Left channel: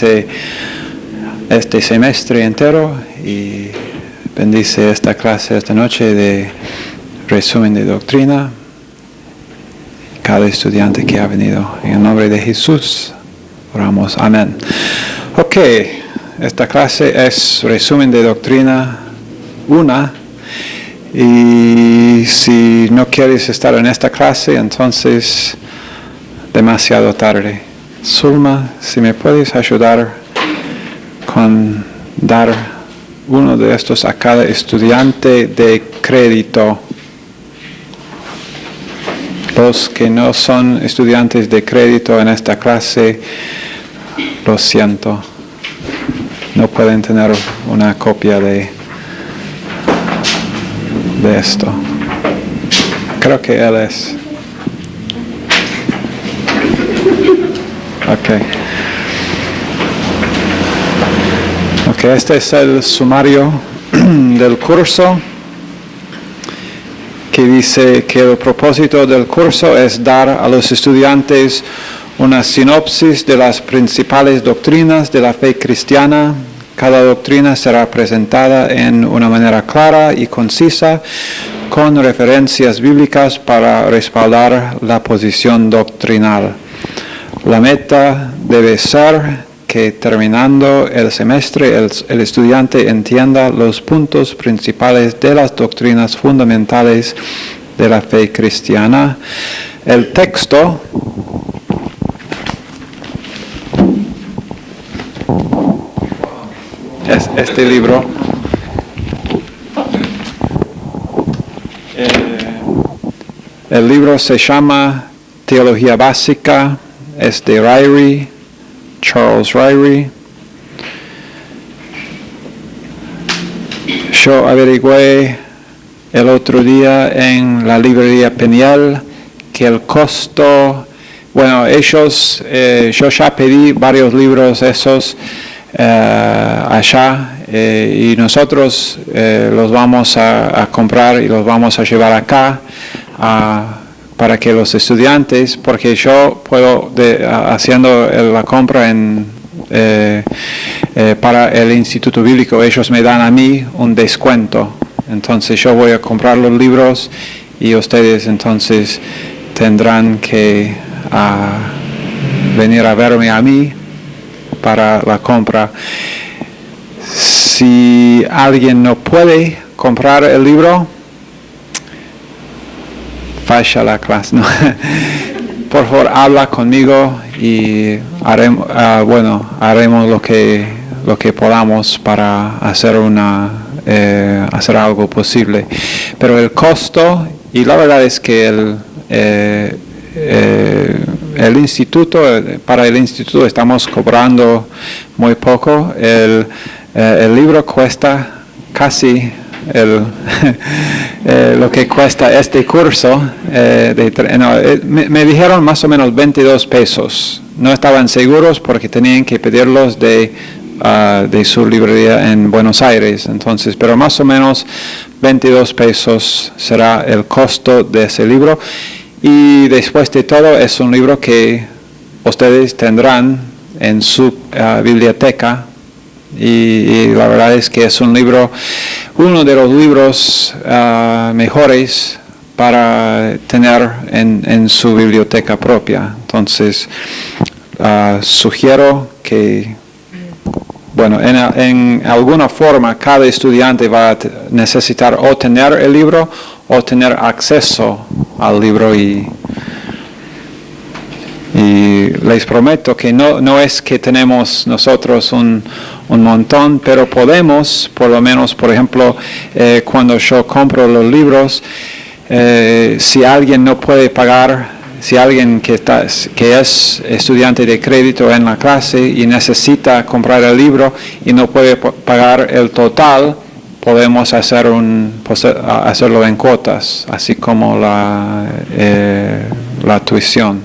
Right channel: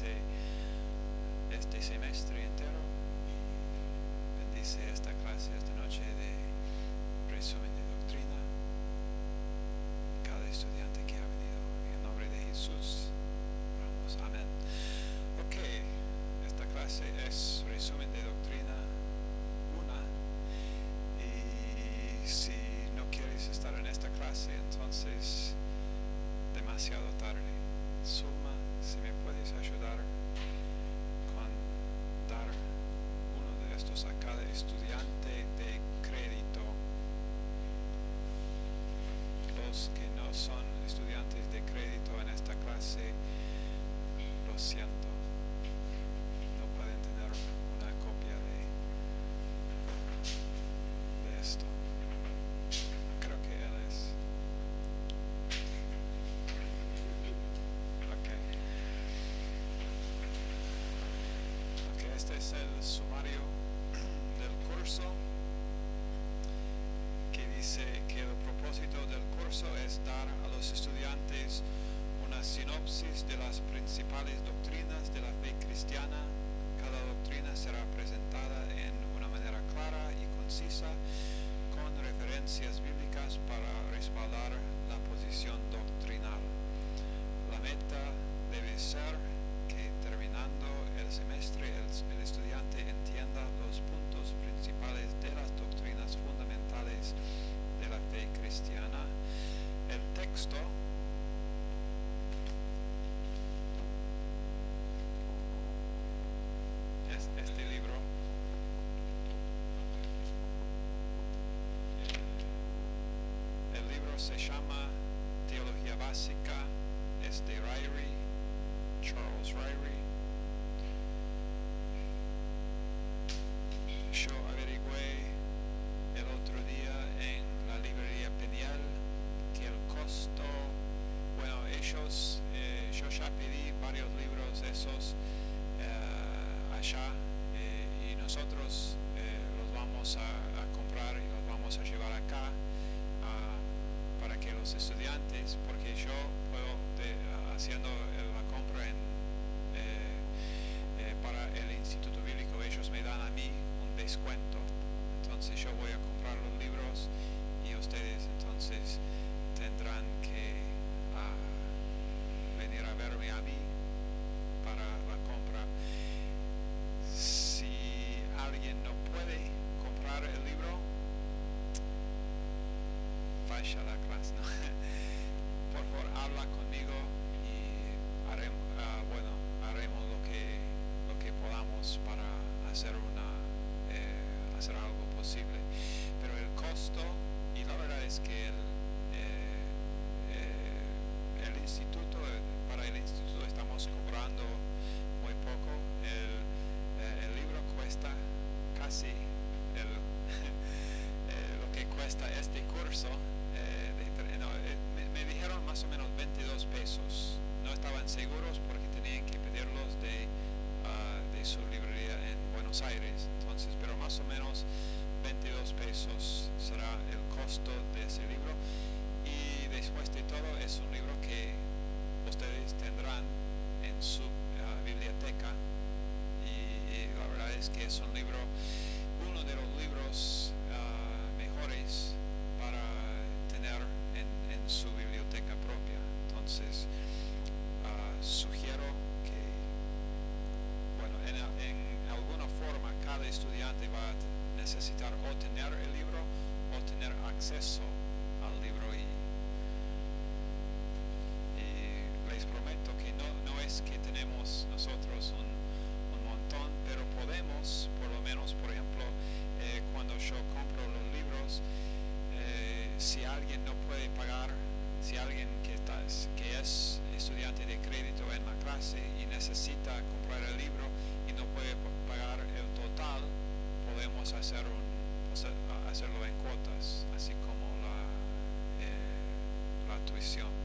bendice este semestre entero y bendice esta clase esta noche de resumen de doctrina. Cada estudiante que ha venido, en el nombre de Jesús, oramos. Amén. Ok, esta clase es resumen de doctrina 1. Y si no quieres estar en esta clase, entonces demasiado tarde. Zulma, si me puedes ayudar con dar uno de estos a cada estudiante de crédito. Los que no son estudiantes de crédito en esta clase, lo siento, no pueden tener una copia de esto. Creo que él es. Ok, este es el sumario del curso, que dice que el propósito del curso es dar a los estudiantes una sinopsis de las principales doctrinas de la fe cristiana. Cada doctrina será presentada en una manera clara y concisa, con referencias bíblicas para respaldar la posición doctrinal. La meta debe ser que terminando el semestre el estudiante entienda los puntos principales de las doctrinas fundamentales de la fe cristiana. El texto es este libro. El libro se llama Teología Básica, es de Ryrie, Charles Ryrie. Yo averigüé el otro día en la librería Peniel que el costo, ellos, yo ya pedí varios libros esos allá y nosotros los vamos a comprar y los vamos a llevar acá para que los estudiantes, porque yo puedo, haciendo la compra para el Instituto Bíblico, ellos me dan a mí un descuento. Entonces yo voy a comprar los libros y ustedes entonces tendrán que venir a verme a mí para la compra. Si alguien no puede comprar el libro, falla la clase, ¿no? Por favor, habla conmigo y haremos lo que podamos para hacer hacer algo posible. Pero el costo, y la verdad es que el instituto, para el instituto estamos cobrando muy poco. El libro cuesta casi lo que cuesta este curso. Me dijeron más o menos 22 pesos. No estaban seguros porque tenían que pedirlos de su librería en Buenos Aires. Entonces, pero más o menos 22 pesos será el costo de ese libro. Y después de todo es un libro que ustedes tendrán en su biblioteca. Y la verdad es que es uno de los libros mejores para tener en su biblioteca propia. Entonces, sugiero que, en alguna forma cada estudiante va a necesitar o tener el libro o tener acceso al libro y les prometo que no es que tenemos nosotros un montón, pero podemos, por lo menos, por ejemplo, cuando yo compro los libros, si alguien no puede pagar, si alguien que es estudiante de crédito en la clase y necesita comprar el libro y no puede pagar el total, podemos hacerlo en cuotas, así como la tuición,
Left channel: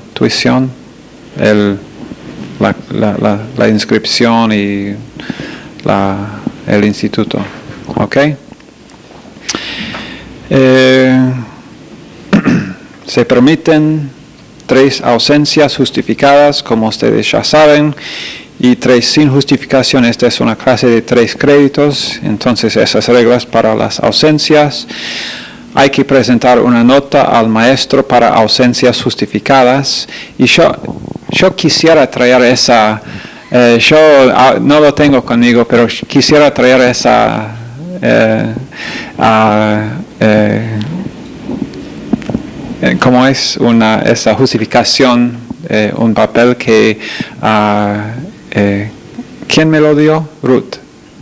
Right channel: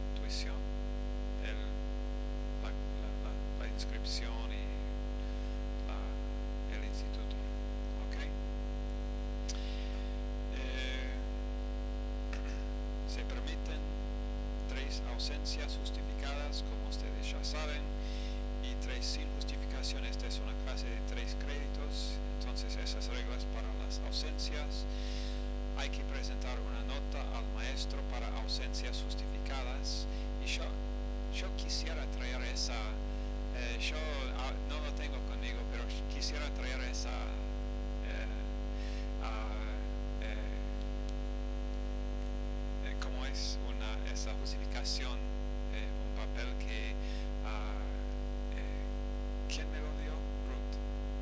la inscripción y el instituto. ¿Ok? Se permiten 3 ausencias justificadas, como ustedes ya saben, y 3 sin justificación. Esta es una clase de 3 créditos, entonces esas reglas para las ausencias. Hay que presentar una nota al maestro para ausencias justificadas. Y yo quisiera traer esa, yo no lo tengo conmigo, pero quisiera traer esa, ¿cómo es? Esa justificación, un papel que, ¿quién me lo dio? Ruth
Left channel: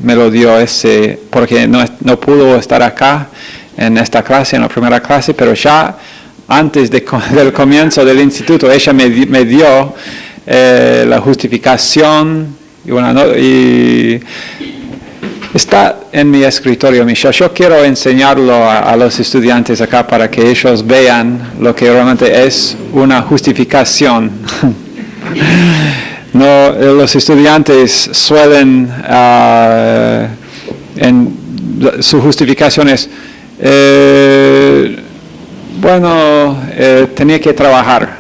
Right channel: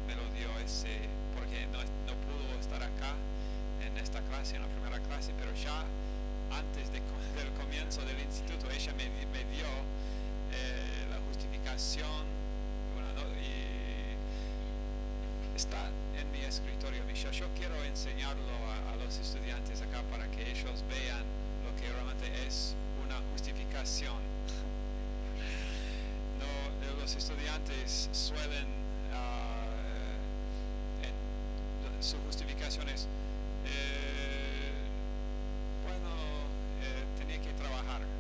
me lo dio ese, porque no pudo estar acá en esta clase, en la primera clase, pero ya antes del comienzo del instituto, ella me dio la justificación y está en mi escritorio, Michelle. Yo quiero enseñarlo a los estudiantes acá para que ellos vean lo que realmente es una justificación. No, los estudiantes suelen, en su justificación es, tenía que trabajar,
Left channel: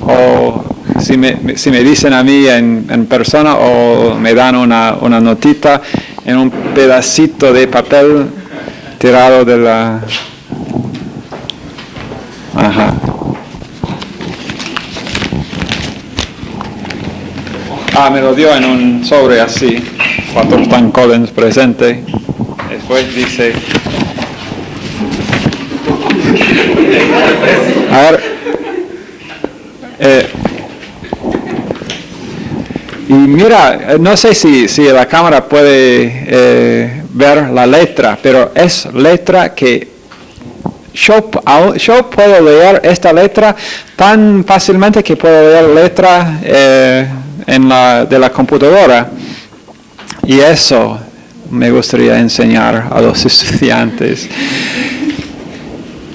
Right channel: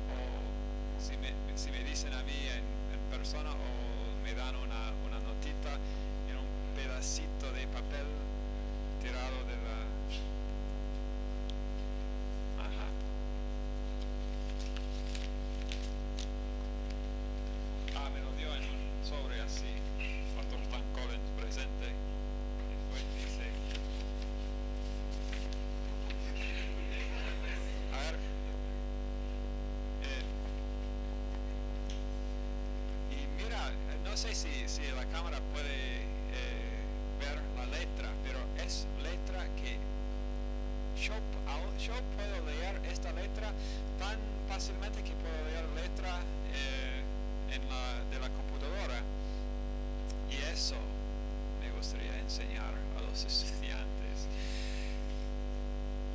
o si me dicen a mí en persona, o me dan una notita en un pedacito de papel tirado de la... Ajá. Me lo dio en un sobre así, Pastor Stan Collins presente. Después dice... A ver, y mira, no sé si la cámara puede ver la letra, pero es letra que yo puedo leer esta letra tan fácilmente que puedo leer letra de la computadora, y eso me gustaría enseñar a los estudiantes.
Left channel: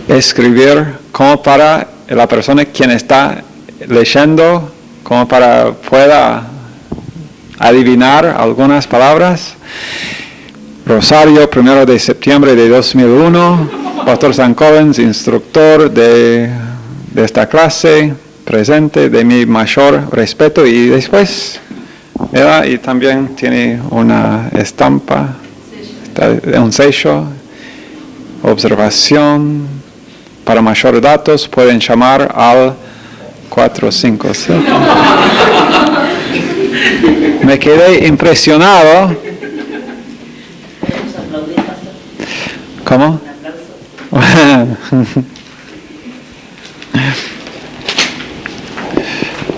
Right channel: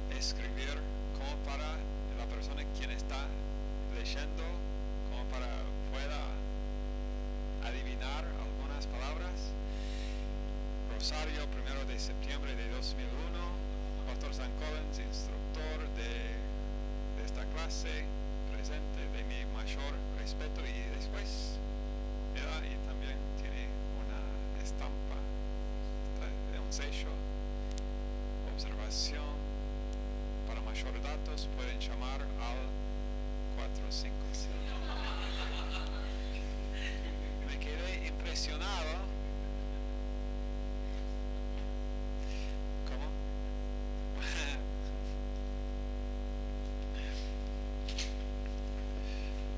Escribir como para la persona quien está leyendo, como para pueda adivinar algunas palabras. Rosario, 1 de septiembre de 2001, Pastor Stan Collins, instructor de esta clase, presente, de mi mayor respeto, y después, ¿verdad? Y también tiene una estampa, un sello, observación. Para mayor datos pueden llamar al 457. Me quedé impresionado. ¿Cómo?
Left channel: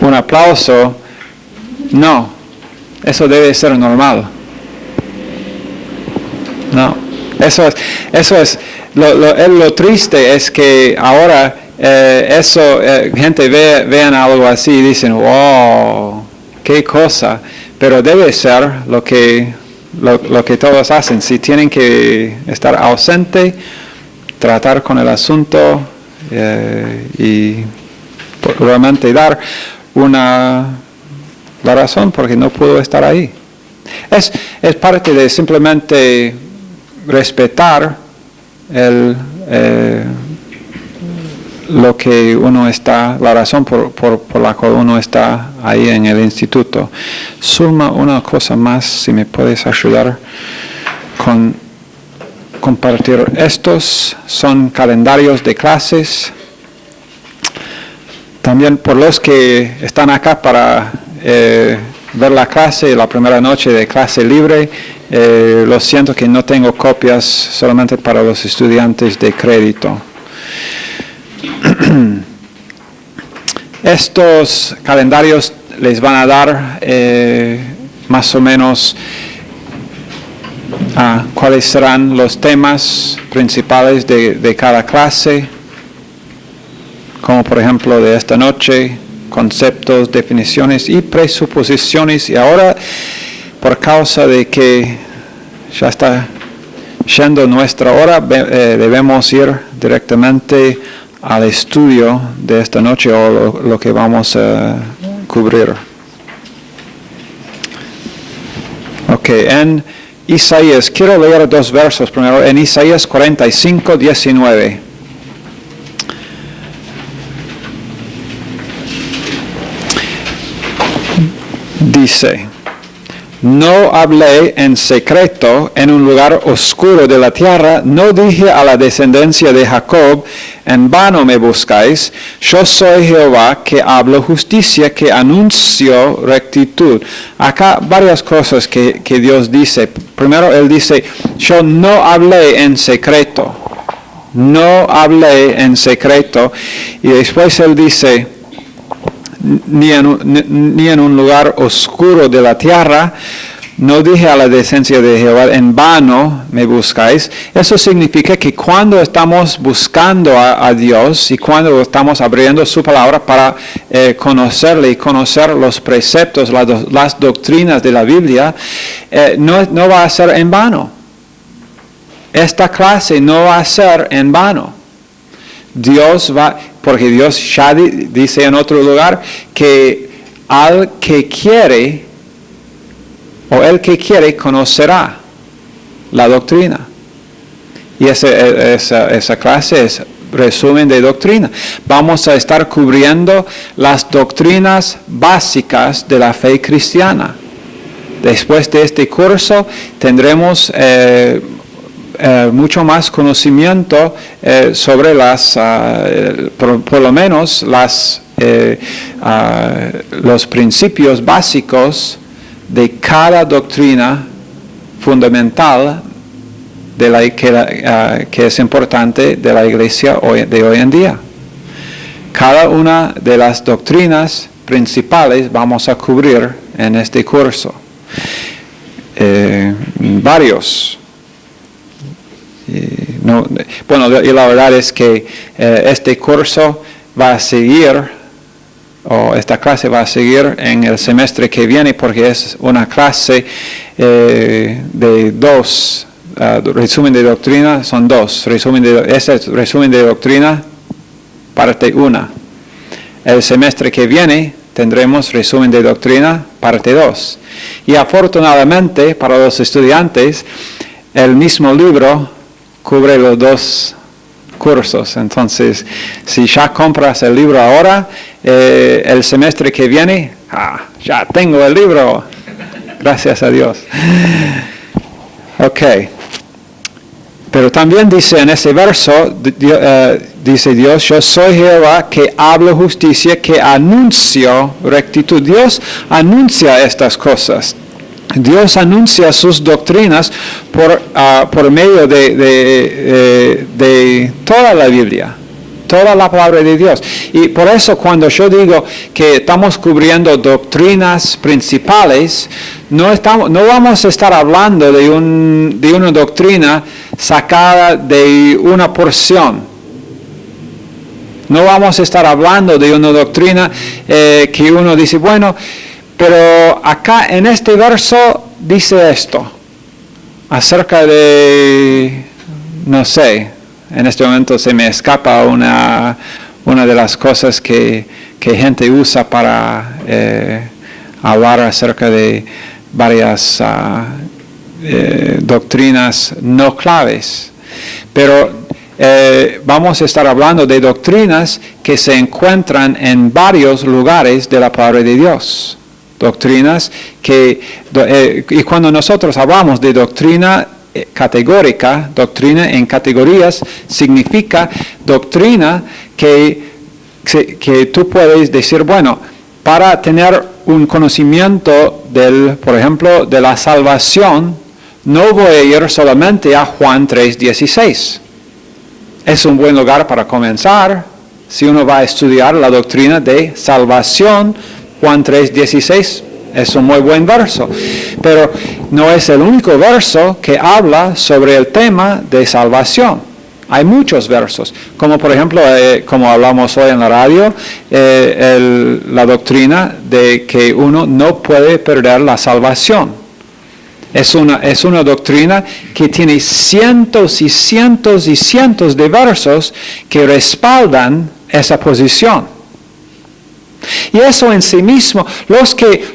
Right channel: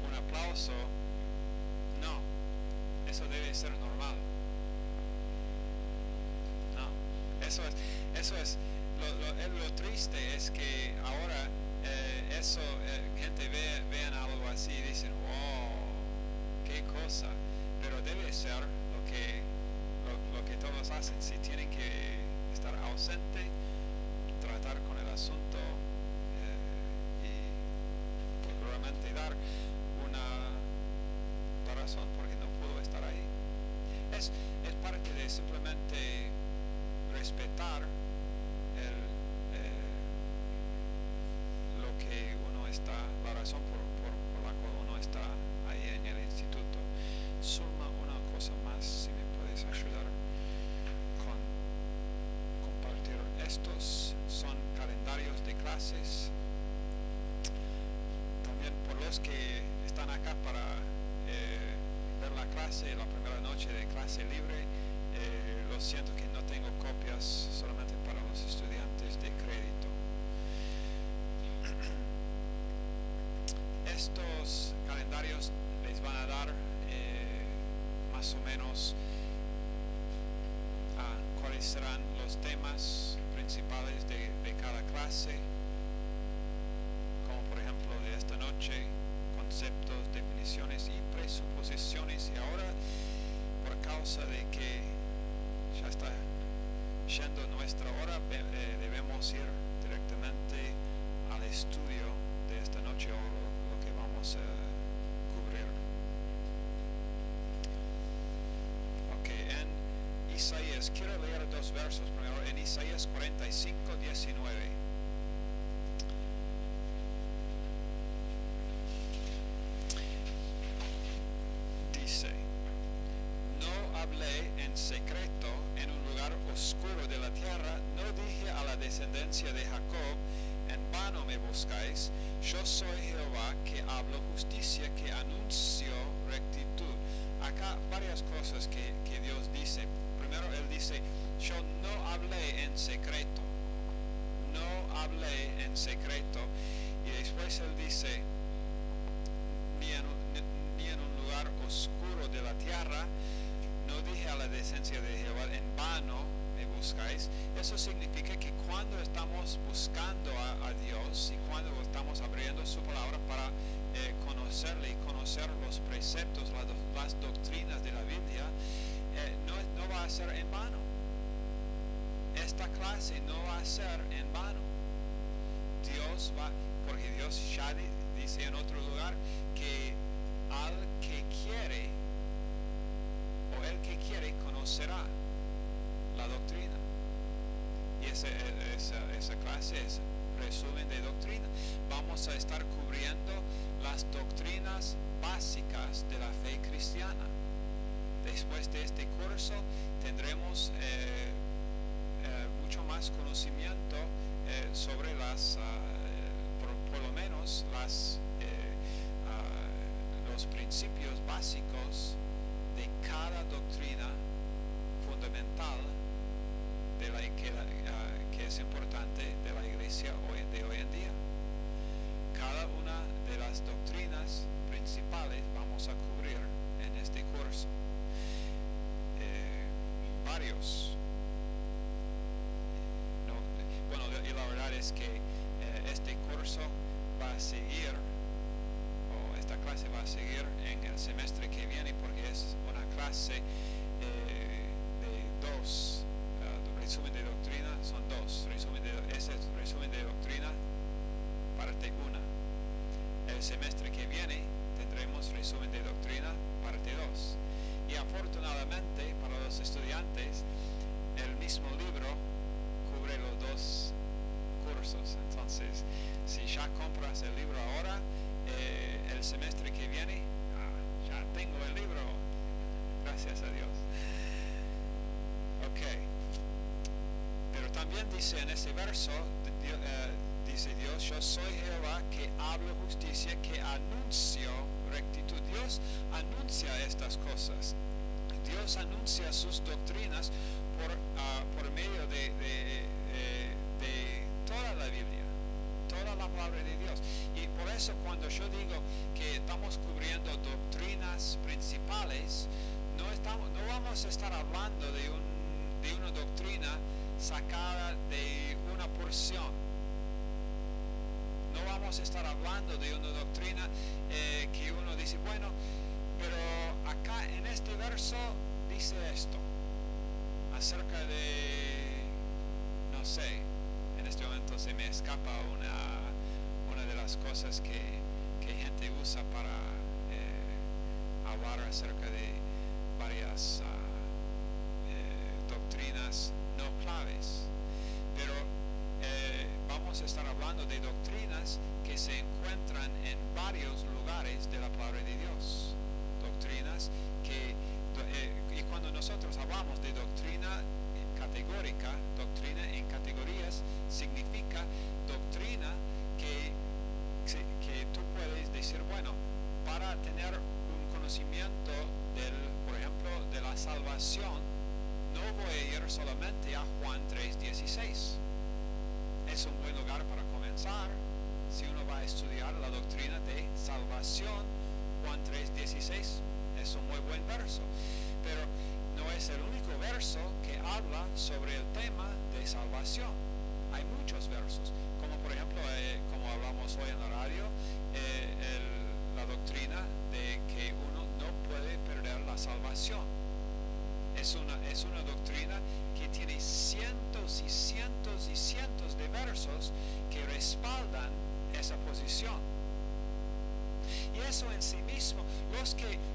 Un aplauso. No, eso debe ser normal. No, eso es. Lo triste es que ahora gente vean algo así y dicen, wow, qué cosa, pero debe ser lo que todos hacen. Si tienen que estar ausente, tratar con el asunto y realmente dar la razón porque no pudo estar ahí. Es parte de simplemente respetar lo que uno está, la razón por la cual uno está ahí en el instituto. Zulma, una cosa más, si me puedes ayudar con compartir. Estos son calendarios de clases. También por los que están acá para ver la clase, la primera noche de clase libre, lo siento que no tengo copias, solamente para los estudiantes de crédito. Estos calendarios les van a dar más o menos cuáles serán los temas principales de cada clase, como por ejemplo de esta noche, conceptos, definiciones y presuposiciones. Y ahora, por causa de que ya está yendo nuestra hora, debemos ir directamente al estudio de esta noche, o lo que vamos a cubrir. Ok, en Isaías, quiero leer 2 versos primero, en Isaías 45, 19. Dice, No hablé en secreto en un lugar oscuro de la tierra, no dije a la descendencia de Jacob, en vano me buscáis. Yo soy Jehová que hablo justicia, que anuncio rectitud. Acá varias cosas que Dios dice. Primero Él dice, yo no hablé en secreto. No hablé en secreto. Y después Él dice, ni en un lugar oscuro de la tierra, no dije a la descendencia de Jehová, en vano me buscáis. Eso significa que cuando estamos buscando a Dios y cuando estamos abriendo su palabra para conocerle y conocer los preceptos, las doctrinas de la Biblia, no va a ser en vano. Esta clase no va a ser en vano. Porque Dios ya dice en otro lugar que al que quiere, o el que quiere, conocerá la doctrina. Y esa clase es resumen de doctrina. Vamos a estar cubriendo las doctrinas básicas de la fe cristiana. Después de este curso tendremos mucho más conocimiento sobre por lo menos los principios básicos de cada doctrina fundamental que es importante de la iglesia de hoy en día. Cada una de las doctrinas principales vamos a cubrir en este curso. Varios. Y la verdad es que este curso va a seguir, o esta clase va a seguir en el semestre que viene, porque es una clase de dos, resumen de doctrina, son dos. Ese es resumen de doctrina, parte 1. El semestre que viene tendremos resumen de doctrina, parte 2. Y afortunadamente para los estudiantes, el mismo libro cubre los dos cursos. Entonces, si ya compras el libro ahora, el semestre que viene, ya tengo el libro. Gracias a Dios. Ok. Pero también dice en ese verso, dice Dios, yo soy Jehová que hablo justicia, que anuncio rectitud. Dios anuncia estas cosas. Dios anuncia sus doctrinas por medio de toda la Biblia, toda la palabra de Dios. Y por eso cuando yo digo que estamos cubriendo doctrinas principales, no vamos a estar hablando de una doctrina sacada de una porción. No vamos a estar hablando de una doctrina que uno dice, bueno, pero acá en este verso dice esto, acerca de, no sé, en este momento se me escapa una de las cosas que gente usa para hablar acerca de varias doctrinas no claves. Pero vamos a estar hablando de doctrinas que se encuentran en varios lugares de la palabra de Dios. Doctrinas y cuando nosotros hablamos de doctrina categórica, doctrina en categorías, significa doctrina que tú puedes decir, bueno, para tener un conocimiento por ejemplo, de la salvación, no voy a ir solamente a Juan 3:16. Es un buen lugar para comenzar. Si uno va a estudiar la doctrina de salvación, Juan 3:16 es un muy buen verso, pero no es el único verso que habla sobre el tema de salvación. Hay muchos versos, como por ejemplo, como hablamos hoy en la radio, la doctrina de que uno no puede perder la salvación. Es una doctrina que tiene cientos y cientos y cientos de versos que respaldan esa posición. Y eso en sí mismo, los que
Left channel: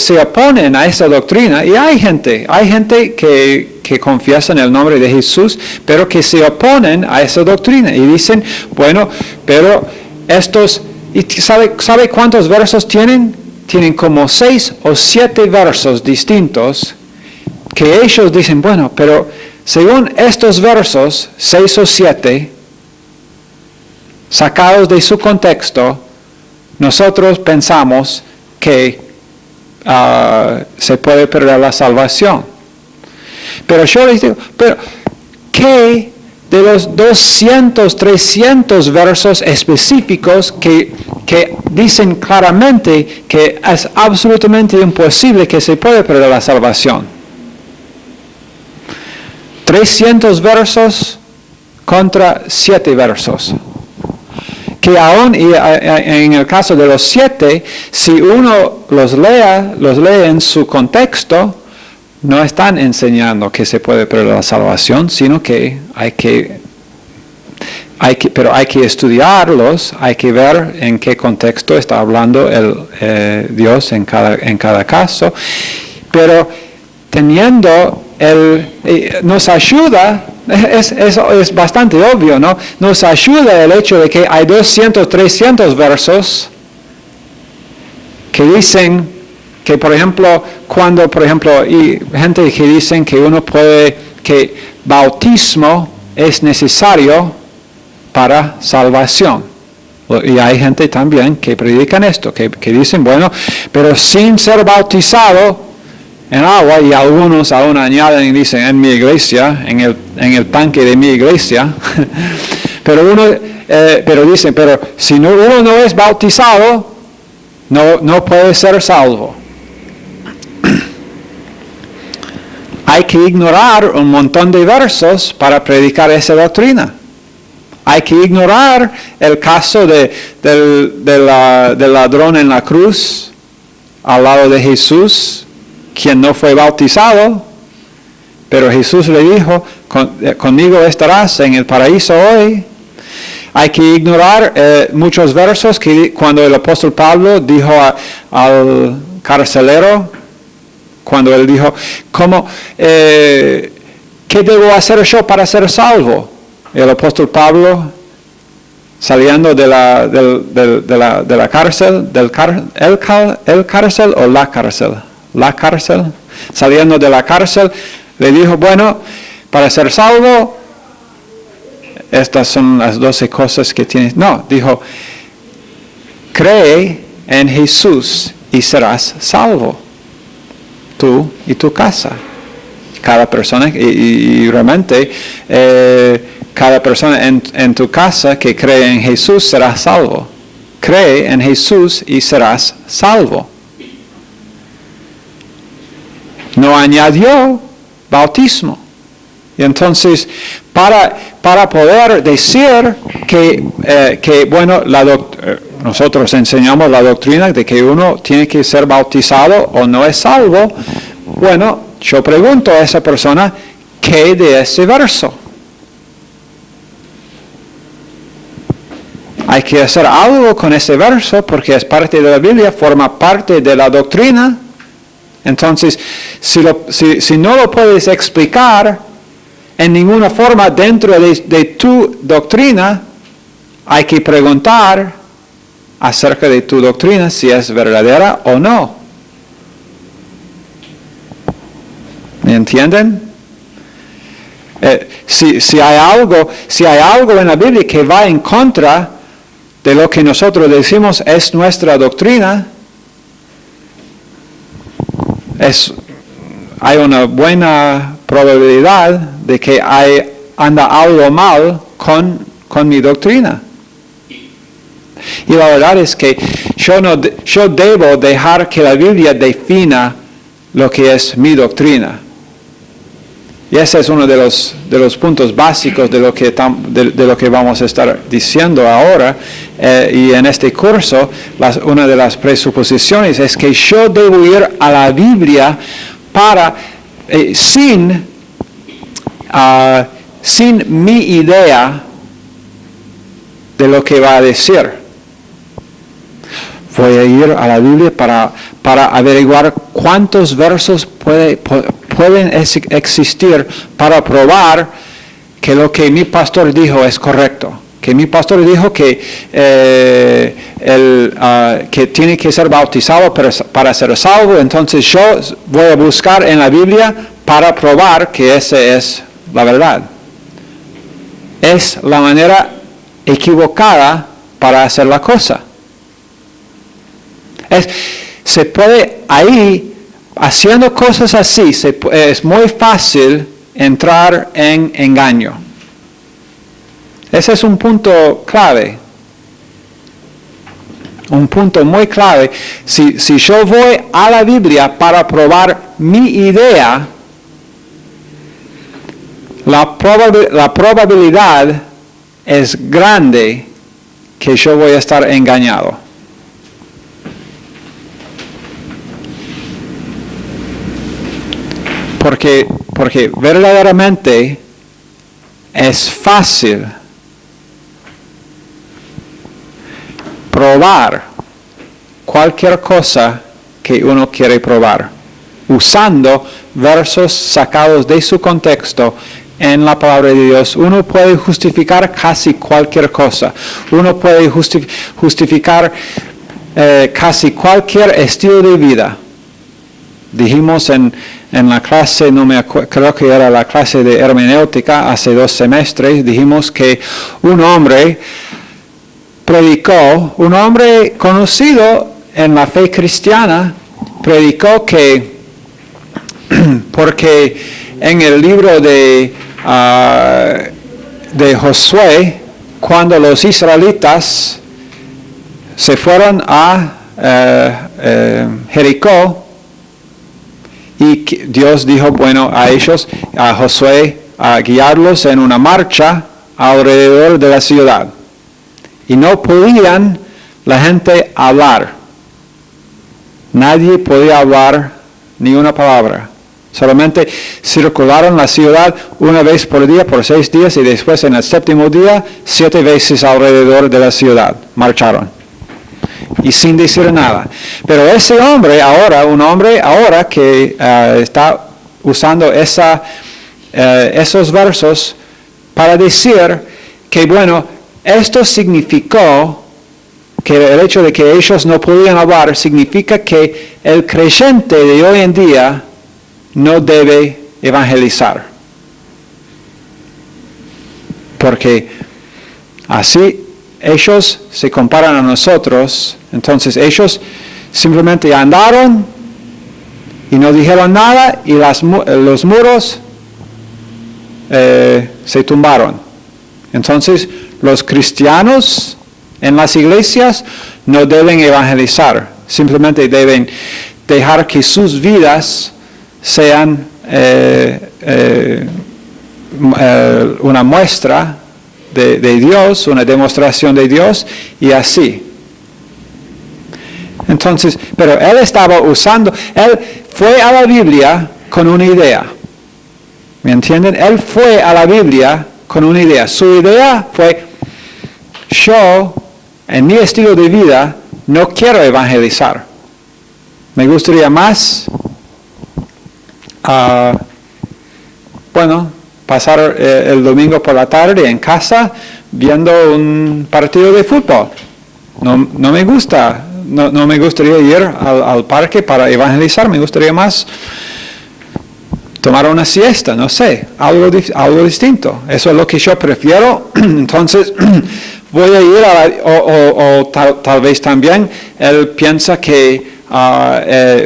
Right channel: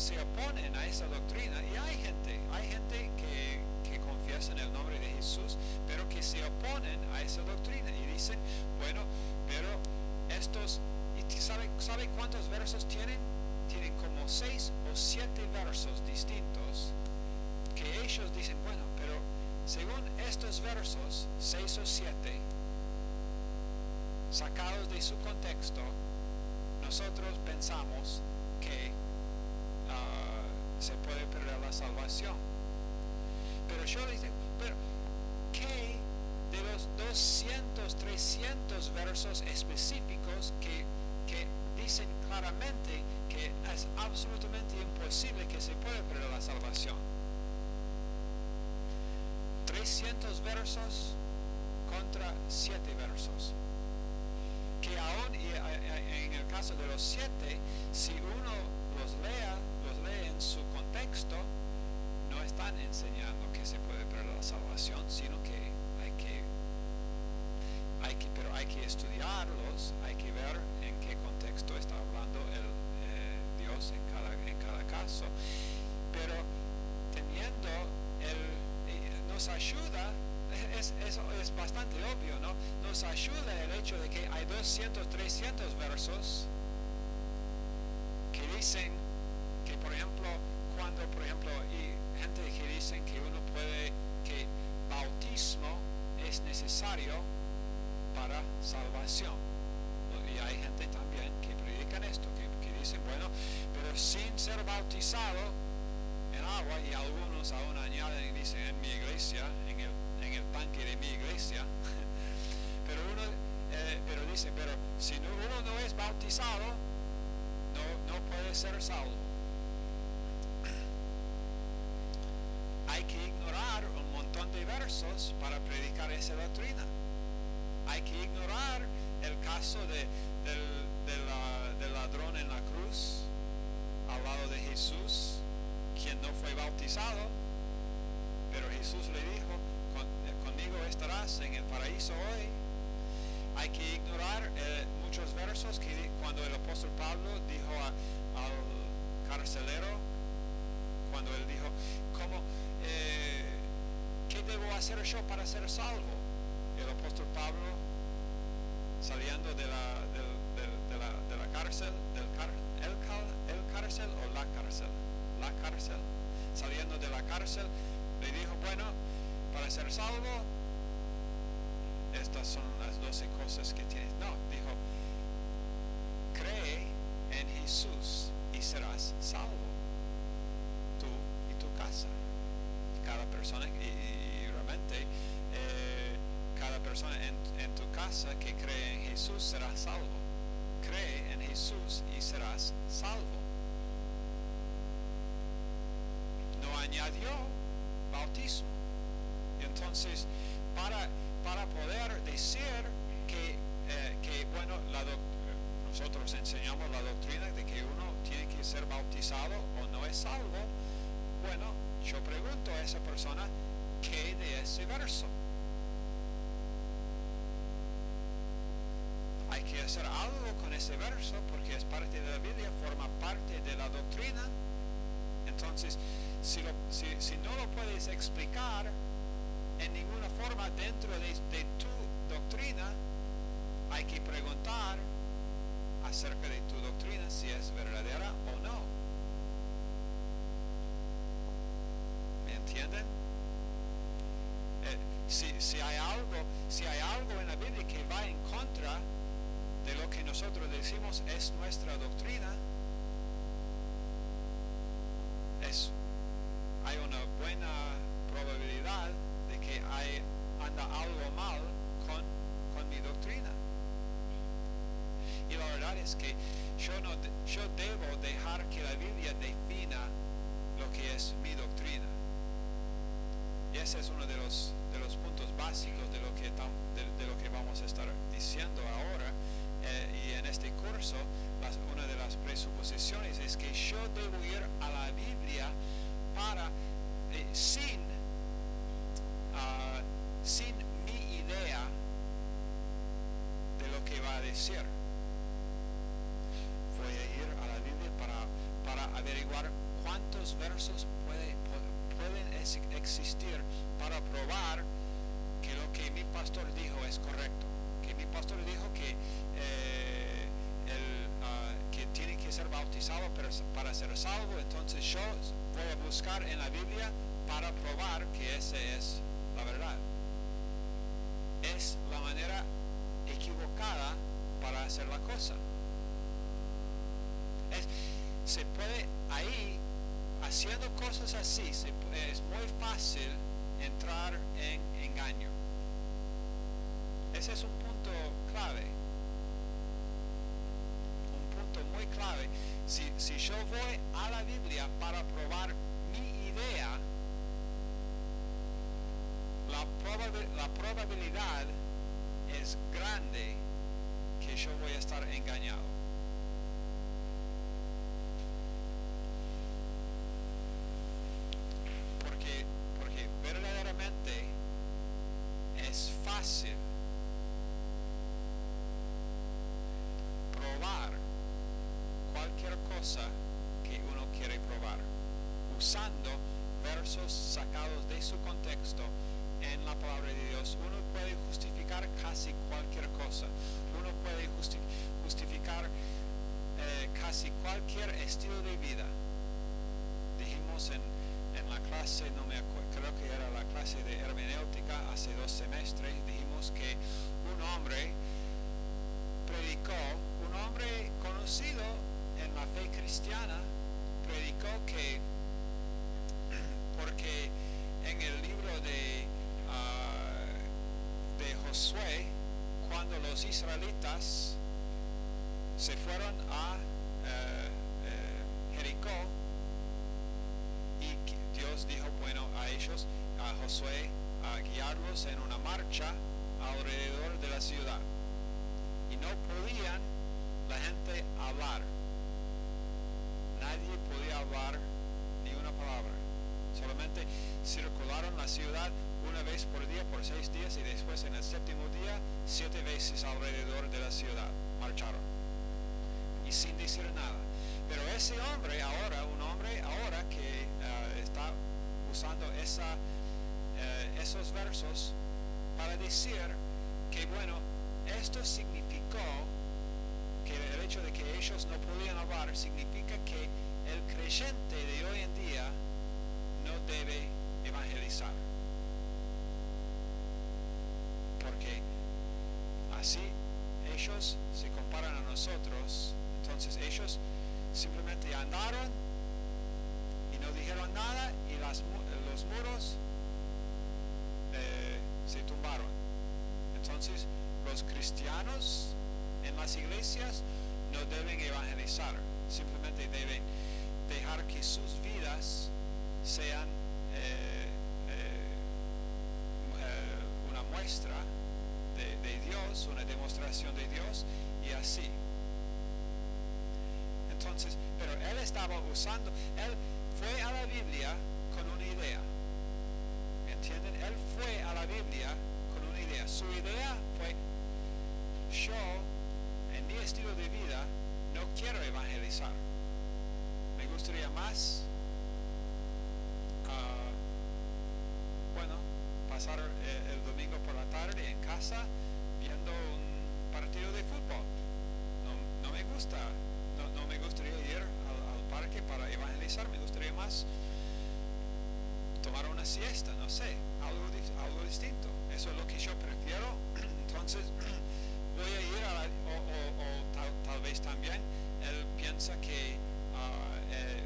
se oponen a esa doctrina, y hay gente que confiesa en el nombre de Jesús, pero que se oponen a esa doctrina y dicen, bueno, pero ¿sabe cuántos versos tienen tienen como 6 o 7 versos distintos que ellos dicen, bueno, pero según estos versos, 6 o 7, sacados de su contexto, nosotros pensamos que se puede perder la salvación. Pero yo les digo, pero ¿qué de los 200, 300 versos específicos que dicen claramente que es absolutamente imposible que se puede perder la salvación? 300 versos contra 7 versos. Que aún en el caso de los 7, si uno los lee en su contexto, no están enseñando que se puede perder la salvación, sino que hay que estudiarlos, hay que ver en qué contexto está hablando Dios en cada caso. Pero teniendo nos ayuda, es bastante obvio, ¿no? Nos ayuda el hecho de que hay 200, 300 versos que dicen que, por ejemplo, y gente que dicen que bautismo es necesario para salvación. Y hay gente también que predican esto, que dicen, bueno, pero sin ser bautizado en agua, y algunos aún añaden y dicen en mi iglesia, en el tanque de mi iglesia, pero dicen, pero si uno no es bautizado, no puede ser salvo. Hay que ignorar un montón de versos para predicar esa doctrina. Hay que ignorar el caso del ladrón en la cruz, al lado de Jesús, quien no fue bautizado, pero Jesús le dijo, conmigo estarás en el paraíso hoy. Hay que ignorar muchos versos que cuando el apóstol Pablo dijo al carcelero, cuando él dijo, ¿qué debo hacer yo para ser salvo? El apóstol Pablo, saliendo de la cárcel, la cárcel, saliendo de la cárcel, le dijo, bueno, para ser salvo, estas son las 12 cosas que tienes. No, dijo, cree en Jesús y serás salvo, tú y tu casa. Cada persona, y realmente, cada persona en tu casa que cree en Jesús será salvo. Cree en Jesús y serás salvo. No añadió bautismo. Y entonces, para poder decir que bueno, nosotros enseñamos la doctrina de que uno tiene que ser bautizado o no es salvo, bueno, yo pregunto a esa persona, ¿qué de ese verso? Hay que hacer algo con ese verso porque es parte de la Biblia, forma parte de la doctrina. Entonces, si no lo puedes explicar en ninguna forma dentro de tu doctrina, hay que preguntar acerca de tu doctrina si es verdadera o no. ¿Me entienden? Si hay algo en la Biblia que va en contra de lo que nosotros decimos es nuestra doctrina, hay una buena probabilidad de que anda algo mal con mi doctrina. Y la verdad es que yo debo dejar que la Biblia defina lo que es mi doctrina. Y ese es uno de los puntos básicos de lo que vamos a estar diciendo ahora. Y en este curso, una de las presuposiciones es que yo debo ir a la Biblia sin mi idea de lo que va a decir. Voy a ir a la Biblia para averiguar cuántos versos pueden existir para probar que lo que mi pastor dijo es correcto, que mi pastor dijo que, que tiene que ser bautizado para ser salvo, entonces yo voy a buscar en la Biblia para probar que esa es la verdad. Es la manera equivocada para hacer la cosa. Se puede ahí, haciendo cosas así, es muy fácil entrar en engaño. Ese es un punto clave. Un punto muy clave. Si yo voy a la Biblia para probar mi idea, la probabilidad es grande que yo voy a estar engañado. Porque verdaderamente es fácil probar cualquier cosa que uno quiere probar, usando versos sacados de su contexto en la palabra de Dios. Uno puede justificar casi cualquier cosa. Uno puede justificar casi cualquier estilo de vida. Dijimos en la clase, creo que era la clase de hermenéutica hace 2 semestres, dijimos que un hombre predicó, un hombre conocido en la fe cristiana, predicó que, porque en el libro de Josué, cuando los israelitas se fueron a Jericó, y Dios dijo, bueno, a ellos, a Josué, a guiarlos en una marcha alrededor de la ciudad. Y no podían la gente hablar. Nadie podía hablar ni una palabra. Solamente circularon la ciudad una vez por día, por 6 días, y después en el 7º día, 7 veces alrededor de la ciudad. Marcharon. Y sin decir nada. Pero ese hombre ahora, un hombre ahora que está usando esos versos para decir que, bueno, esto significó que el hecho de que ellos no podían hablar significa que el creyente de hoy en día no debe evangelizar. Porque así ellos se comparan a nosotros, entonces ellos simplemente andaron y no dijeron nada y los muros se tumbaron. Entonces los cristianos en las iglesias no deben evangelizar, simplemente deben dejar que sus vidas sean una muestra de Dios, una demostración de Dios, y así. Entonces, pero él estaba él fue a la Biblia con una idea. ¿Me entienden? Él fue a la Biblia con una idea. Su idea fue, yo, en mi estilo de vida, no quiero evangelizar. Me gustaría más, pasar el domingo por la tarde en casa viendo un partido de fútbol. No me gusta, no me gustaría ir al parque para evangelizar, me gustaría más tomar una siesta, no sé, algo distinto. Eso es lo que yo prefiero. Entonces voy a ir o tal vez también él piensa que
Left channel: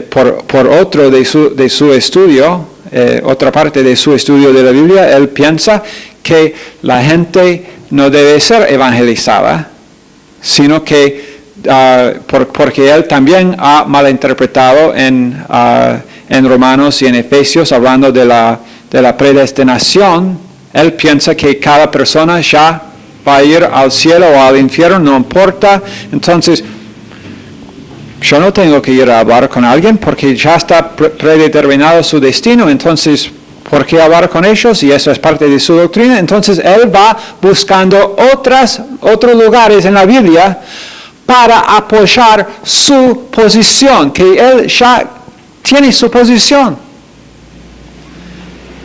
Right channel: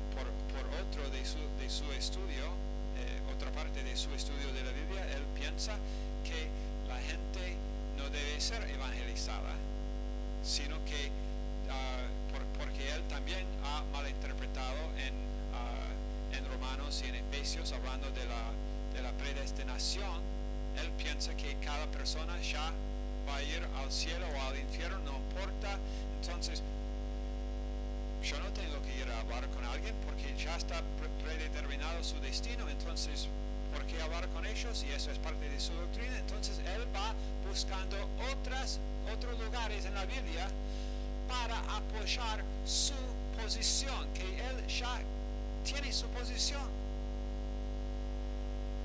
por otro de su estudio, otra parte de su estudio de la Biblia, él piensa que la gente no debe ser evangelizada, sino que porque él también ha malinterpretado en Romanos y en Efesios, hablando de la predestinación, él piensa que cada persona ya va a ir al cielo o al infierno, no importa. Entonces, yo no tengo que ir a hablar con alguien porque ya está predeterminado su destino, entonces, ¿por qué hablar con ellos? Y eso es parte de su doctrina. Entonces, él va buscando otros lugares en la Biblia para apoyar su posición, que él ya tiene su posición.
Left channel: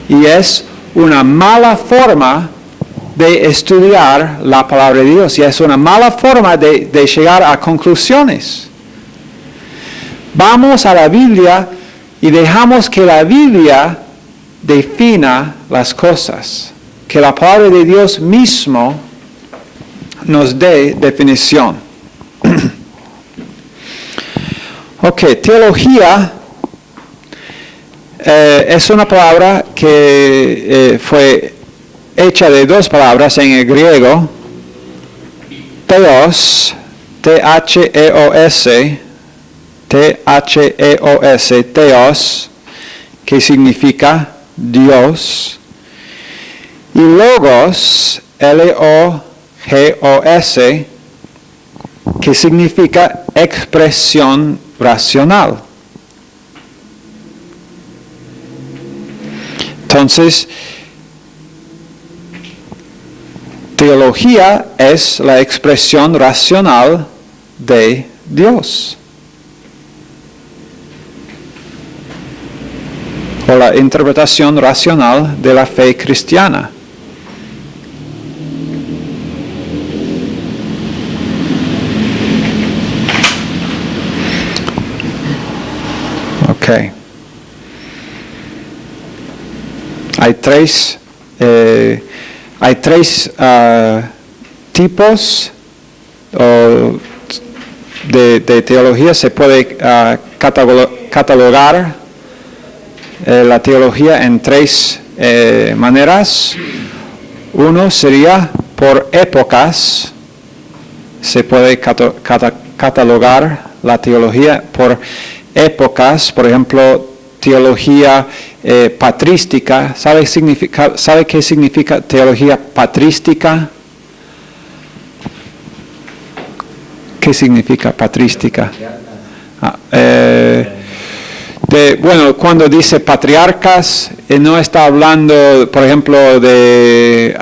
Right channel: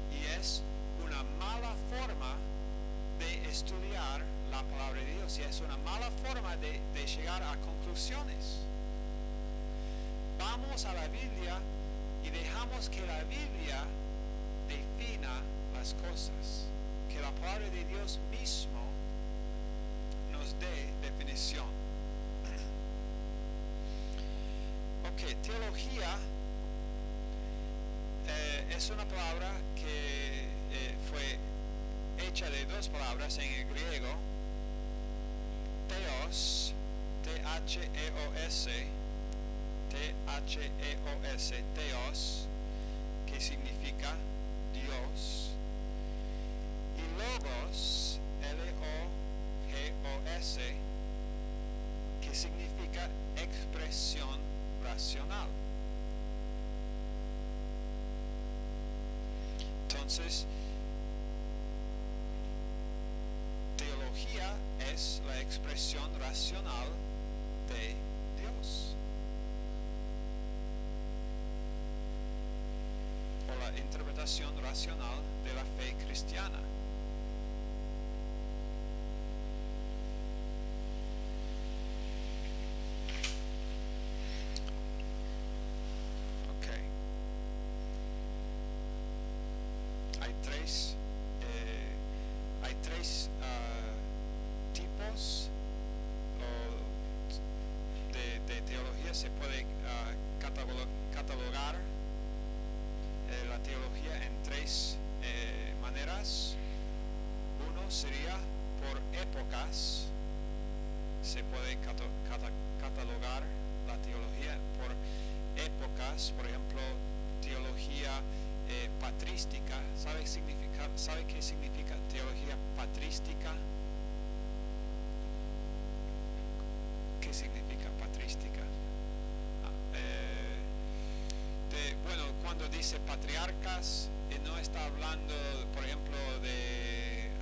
Y es una mala forma de estudiar la palabra de Dios y es una mala forma de llegar a conclusiones. Vamos a la Biblia y dejamos que la Biblia defina las cosas, que la palabra de Dios mismo nos dé definición. Ok, teología es una palabra que fue hecha de dos palabras en el griego, theos, T-H-E-O-S, T-H-E-O-S, theos, que significa Dios, y logos, L-O-G-O-S, que significa expresión racional. Entonces, teología es la expresión racional de Dios, o la interpretación racional de la fe cristiana. Okay. Hay tres tipos de teología. Se puede catalogar la teología en tres maneras. Uno sería por épocas. Se puede catalogar la teología por épocas, por ejemplo, teología patrística. ¿Sabe qué significa teología patrística? ¿Qué significa patrística? Bueno, cuando dice patriarcas, no está hablando, por ejemplo, de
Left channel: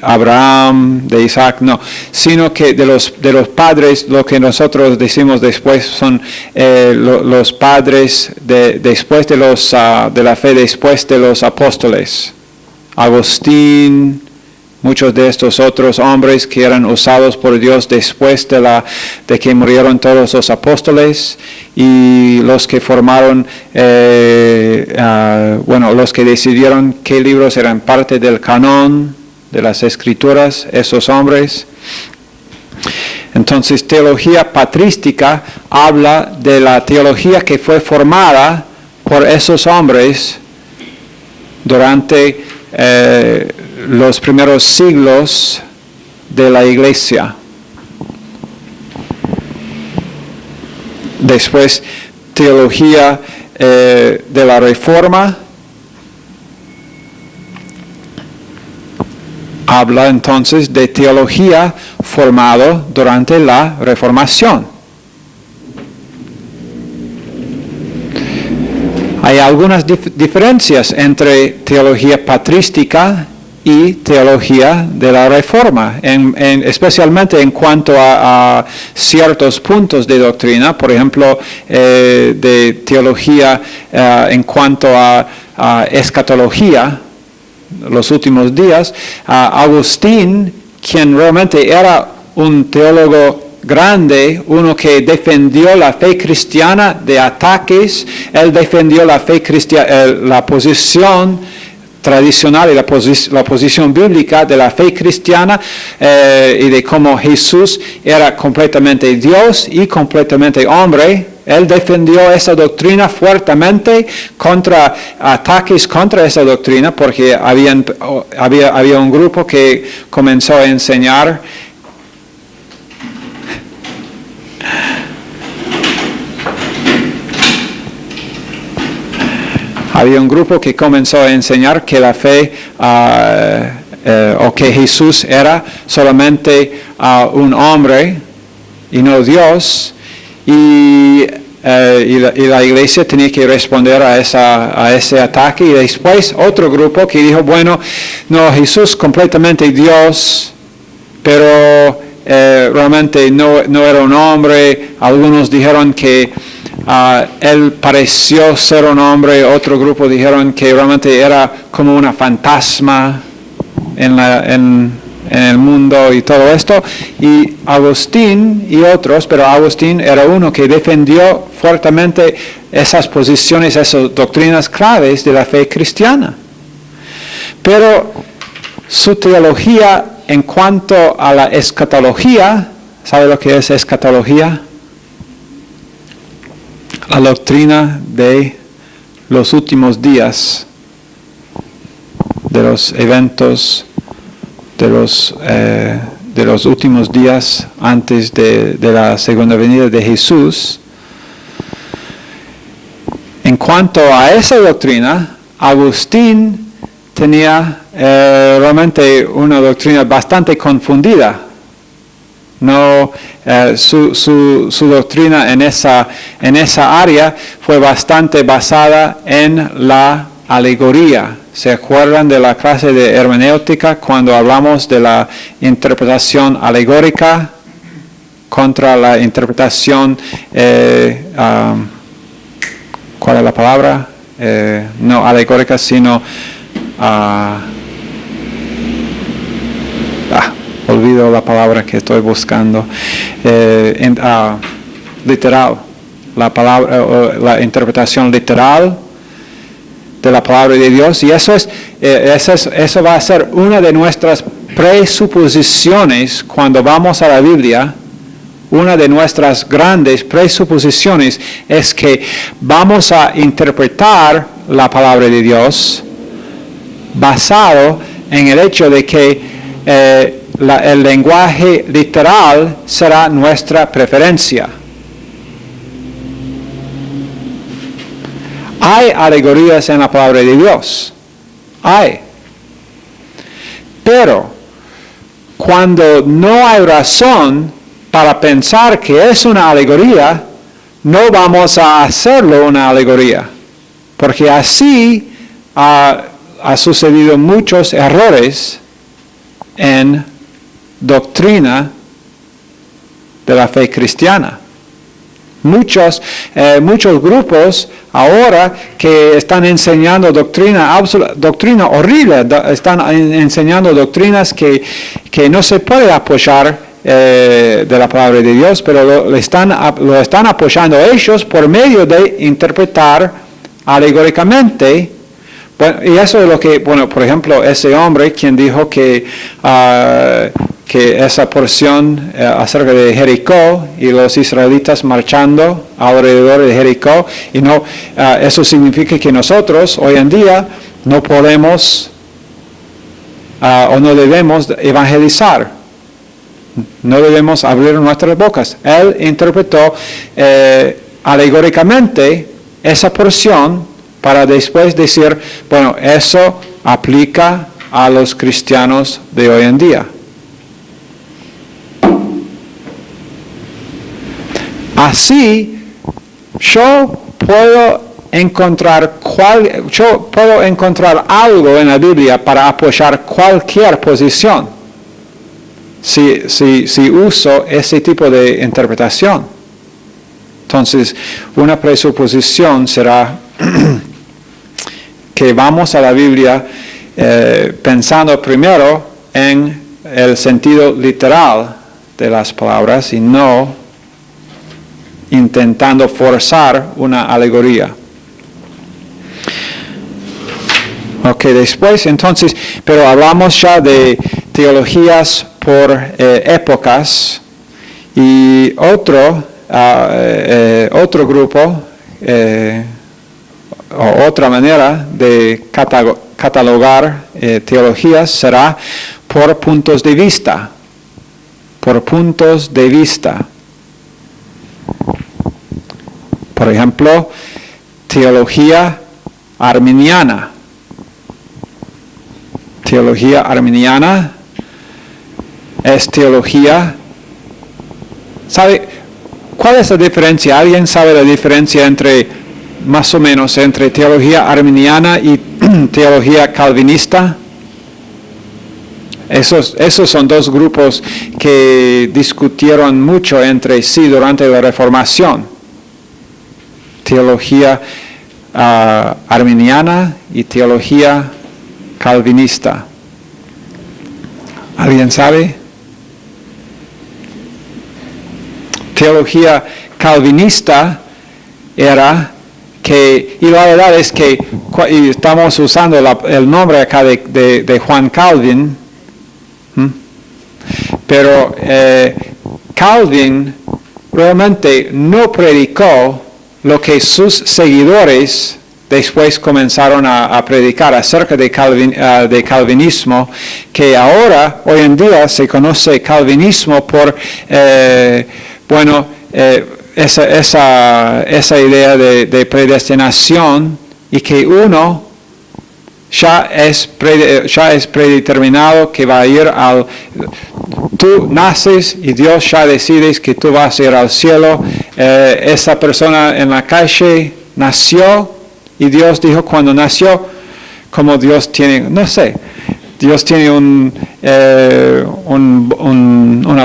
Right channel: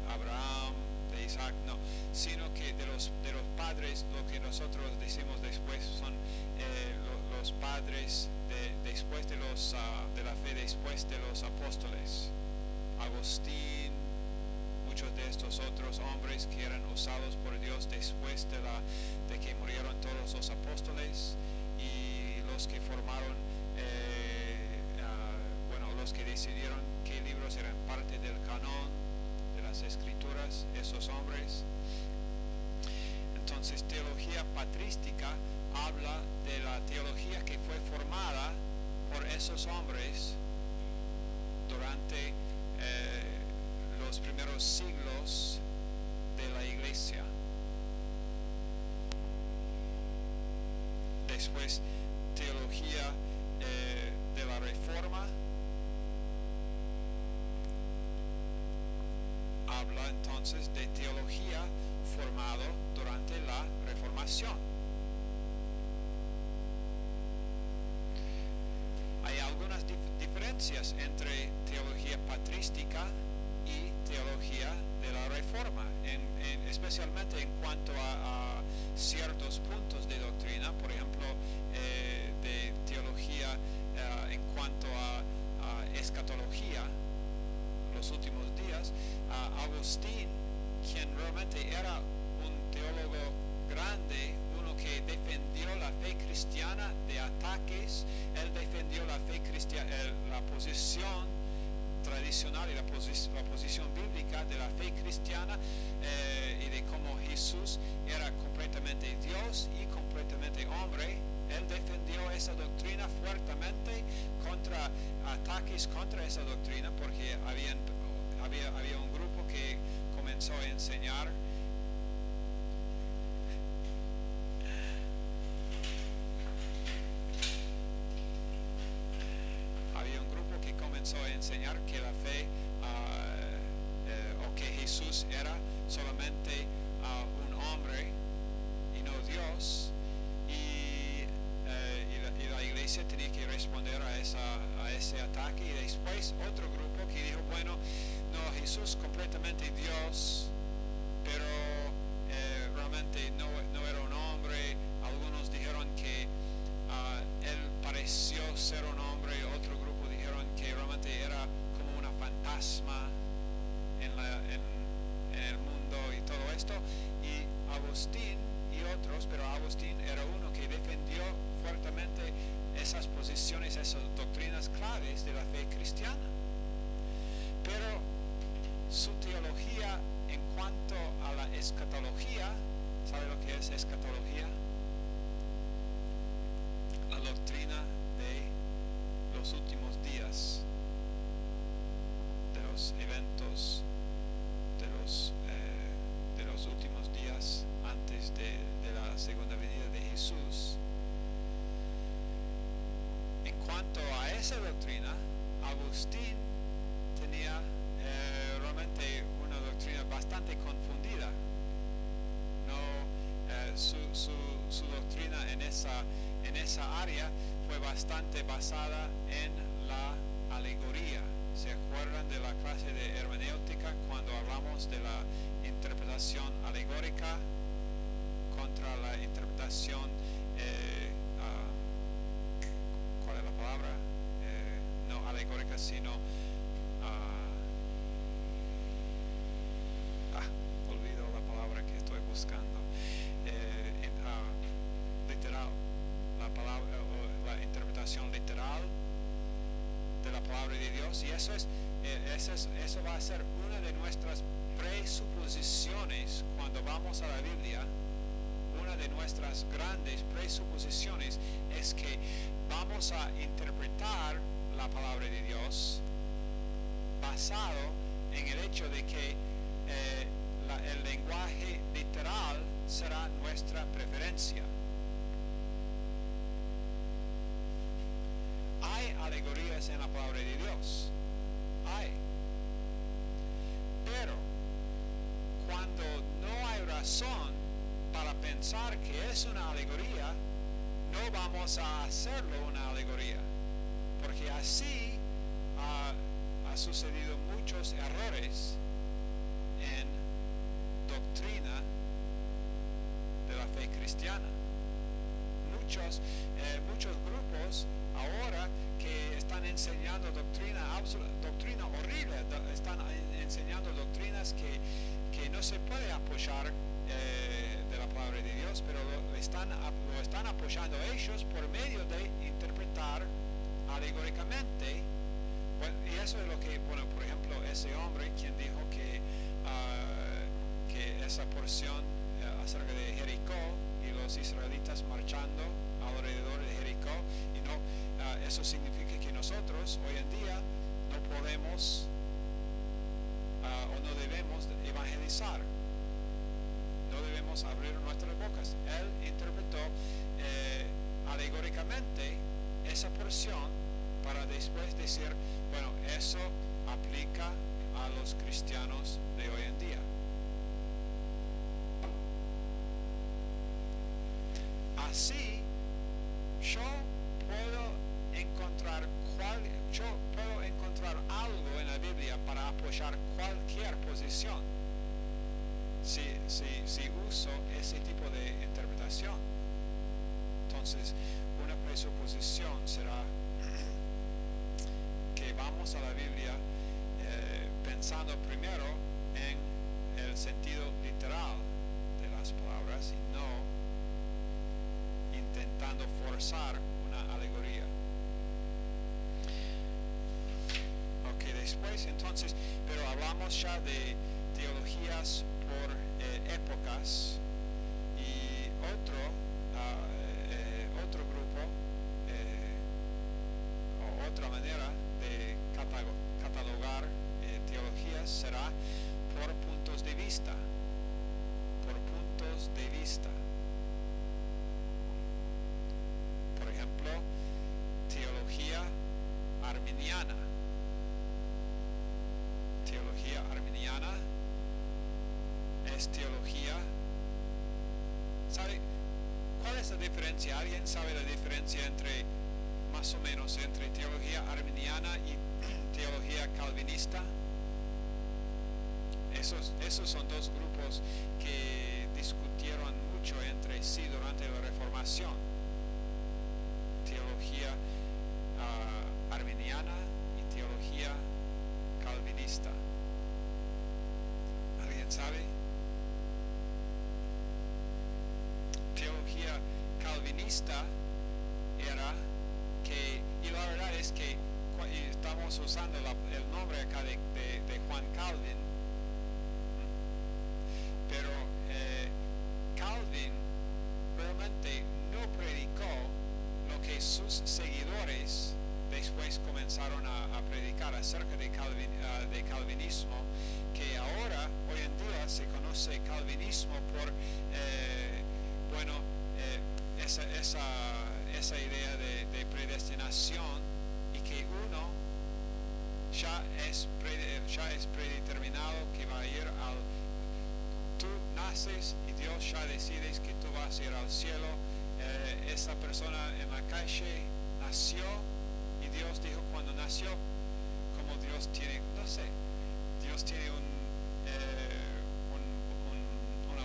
Abraham, de Isaac, no, sino que de los padres, lo que nosotros decimos después son los padres después de la fe, después de los apóstoles. Agustín, muchos de estos otros hombres que eran usados por Dios después de que murieron todos los apóstoles, y los que formaron, los que decidieron qué libros eran parte del canon de las escrituras, esos hombres. Entonces, teología patrística habla de la teología que fue formada por esos hombres durante los primeros siglos de la iglesia. Después, teología de la Reforma habla entonces de teología formada durante la Reformación. Hay algunas diferencias entre teología patrística y teología de la Reforma, especialmente en cuanto a ciertos puntos de doctrina, por ejemplo, de teología en cuanto a escatología, los últimos días. Agustín, quien realmente era un teólogo grande, uno que defendió la fe cristiana de ataques, él defendió la fe cristiana, la posición tradicional y la posición bíblica de la fe cristiana, y de cómo Jesús era completamente Dios y completamente hombre. Él defendió esa doctrina fuertemente contra ataques contra esa doctrina, porque había un grupo que comenzó a enseñar que la fe o que Jesús era solamente un hombre y no Dios, y la iglesia tenía que responder a ese ataque. Y después otro grupo que dijo, bueno, no, Jesús completamente Dios, pero realmente no era un hombre. Algunos dijeron que él pareció ser un hombre, otro grupo dijeron que realmente era como una fantasma en el mundo y todo esto, y Agustín y otros, pero Agustín era uno que defendió fuertemente esas posiciones, esas doctrinas claves de la fe cristiana. Pero su teología en cuanto a la escatología, ¿sabe lo que es escatología? La doctrina de los últimos días, de los eventos, de los últimos días antes de la segunda venida de Jesús. En cuanto a esa doctrina, Agustín tenía realmente una doctrina bastante confundida. No, su doctrina en esa área fue bastante basada en la alegoría. ¿Se acuerdan de la clase de hermenéutica cuando hablamos de la interpretación alegórica contra la interpretación, ¿cuál es la palabra? No alegórica, sino, olvido la palabra que estoy buscando, literal, la interpretación literal de la palabra de Dios, y eso va a ser una de nuestras presuposiciones cuando vamos a la Biblia. Una de nuestras grandes presuposiciones es que vamos a interpretar la palabra de Dios basado en el hecho de que el lenguaje literal será nuestra preferencia. Hay alegorías en la palabra de Dios, hay. Pero cuando no hay razón para pensar que es una alegoría, no vamos a hacerlo una alegoría, porque así ha sucedido muchos errores en doctrina de la fe cristiana. Muchos grupos ahora que están enseñando doctrina horrible, están enseñando doctrinas que no se puede apoyar de la palabra de Dios, pero lo están apoyando ellos por medio de interpretar alegóricamente. Bueno, y eso es lo que, por ejemplo, ese hombre quien dijo que esa porción acerca de Jericó y los israelitas marchando alrededor de Jericó, y no, eso significa que nosotros hoy en día no podemos o no debemos evangelizar, no debemos abrir nuestras bocas. Él interpretó alegóricamente esa porción para después decir, bueno, eso aplica a los cristianos de hoy en día. Así, yo puedo encontrar algo en la Biblia para apoyar cualquier posición, si uso ese tipo de interpretación. Entonces, una presuposición será que vamos a la Biblia pensando primero en el sentido literal de las palabras y no intentando forzar una alegoría. Ok, después entonces, pero hablamos ya de teologías por épocas, y otro grupo o otra manera de catalogar teologías será por puntos de vista. Por puntos de vista. Por ejemplo, teología arminiana. Teología arminiana es teología. ¿Sabe cuál es la diferencia? ¿Alguien sabe la diferencia más o menos, entre teología arminiana y teología calvinista? Esos son dos grupos que discutieron mucho entre sí durante la Reformación. teología arminiana y teología calvinista. ¿Alguien sabe? Teología calvinista era que, y la verdad es que y estamos usando el nombre acá de Juan Calvin, pero Calvin realmente no predicó lo que sus seguidores después comenzaron a predicar acerca de calvinismo, que ahora, hoy en día, se conoce calvinismo por, esa idea de predestinación y que uno ya es predeterminado que va a ir al... Tú naces y Dios ya decides que tú vas a ir al cielo. Esa persona en la calle nació y Dios dijo cuando nació, como Dios tiene, no sé, Dios tiene una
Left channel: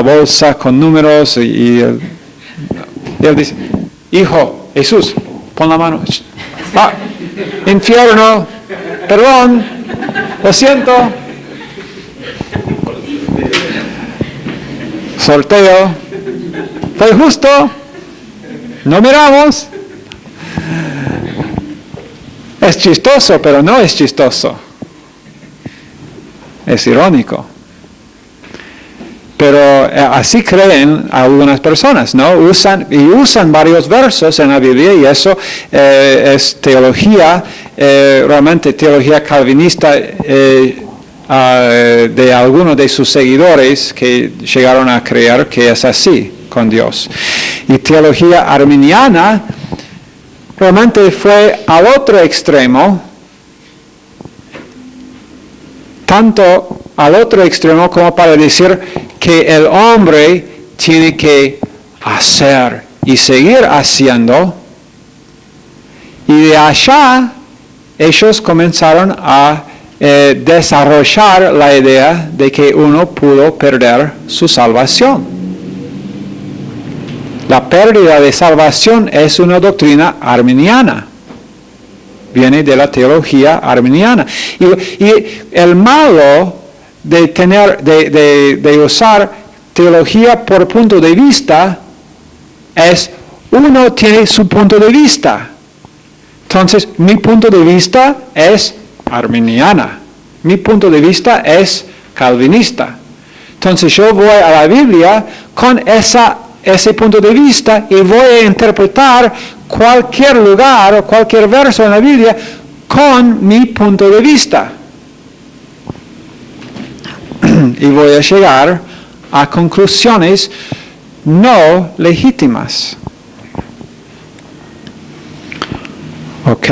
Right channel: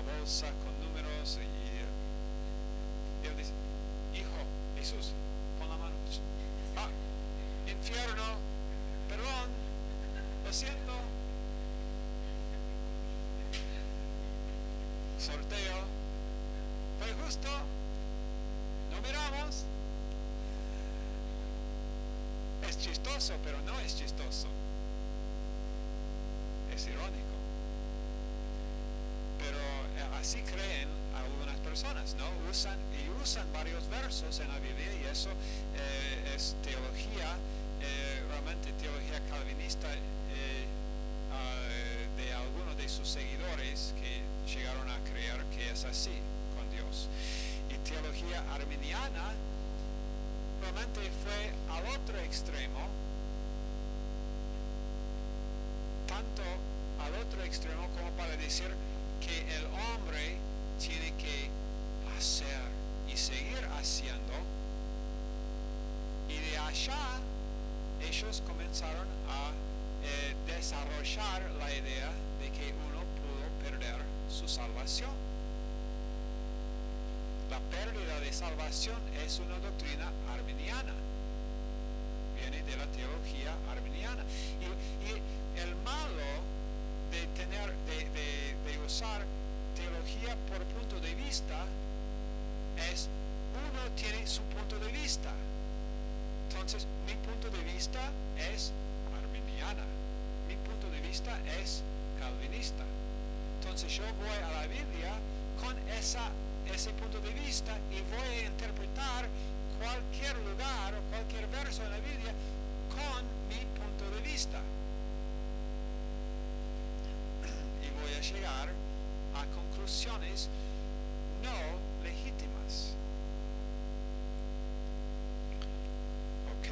bolsa con números y Él dice, hijo, Jesús, pon la mano. Infierno, perdón, lo siento. Sorteo, fue justo, no miramos. Es chistoso, pero no es chistoso. Es irónico. Pero así creen algunas personas, ¿no? Usan varios versos en la Biblia y eso es teología, realmente teología calvinista de algunos de sus seguidores que llegaron a creer que es así con Dios. Y teología arminiana realmente fue al otro extremo, tanto al otro extremo como para decir que el hombre tiene que hacer y seguir haciendo, y de allá ellos comenzaron a desarrollar la idea de que uno pudo perder su salvación. La pérdida de salvación es una doctrina arminiana. Viene de la teología arminiana. Y el malo de usar teología por punto de vista es, uno tiene su punto de vista. Entonces, mi punto de vista es arminiana. Mi punto de vista es calvinista. Entonces, yo voy a la Biblia con ese punto de vista y voy a interpretar cualquier lugar o cualquier verso en la Biblia con mi punto de vista. Y voy a llegar a conclusiones no legítimas. Ok.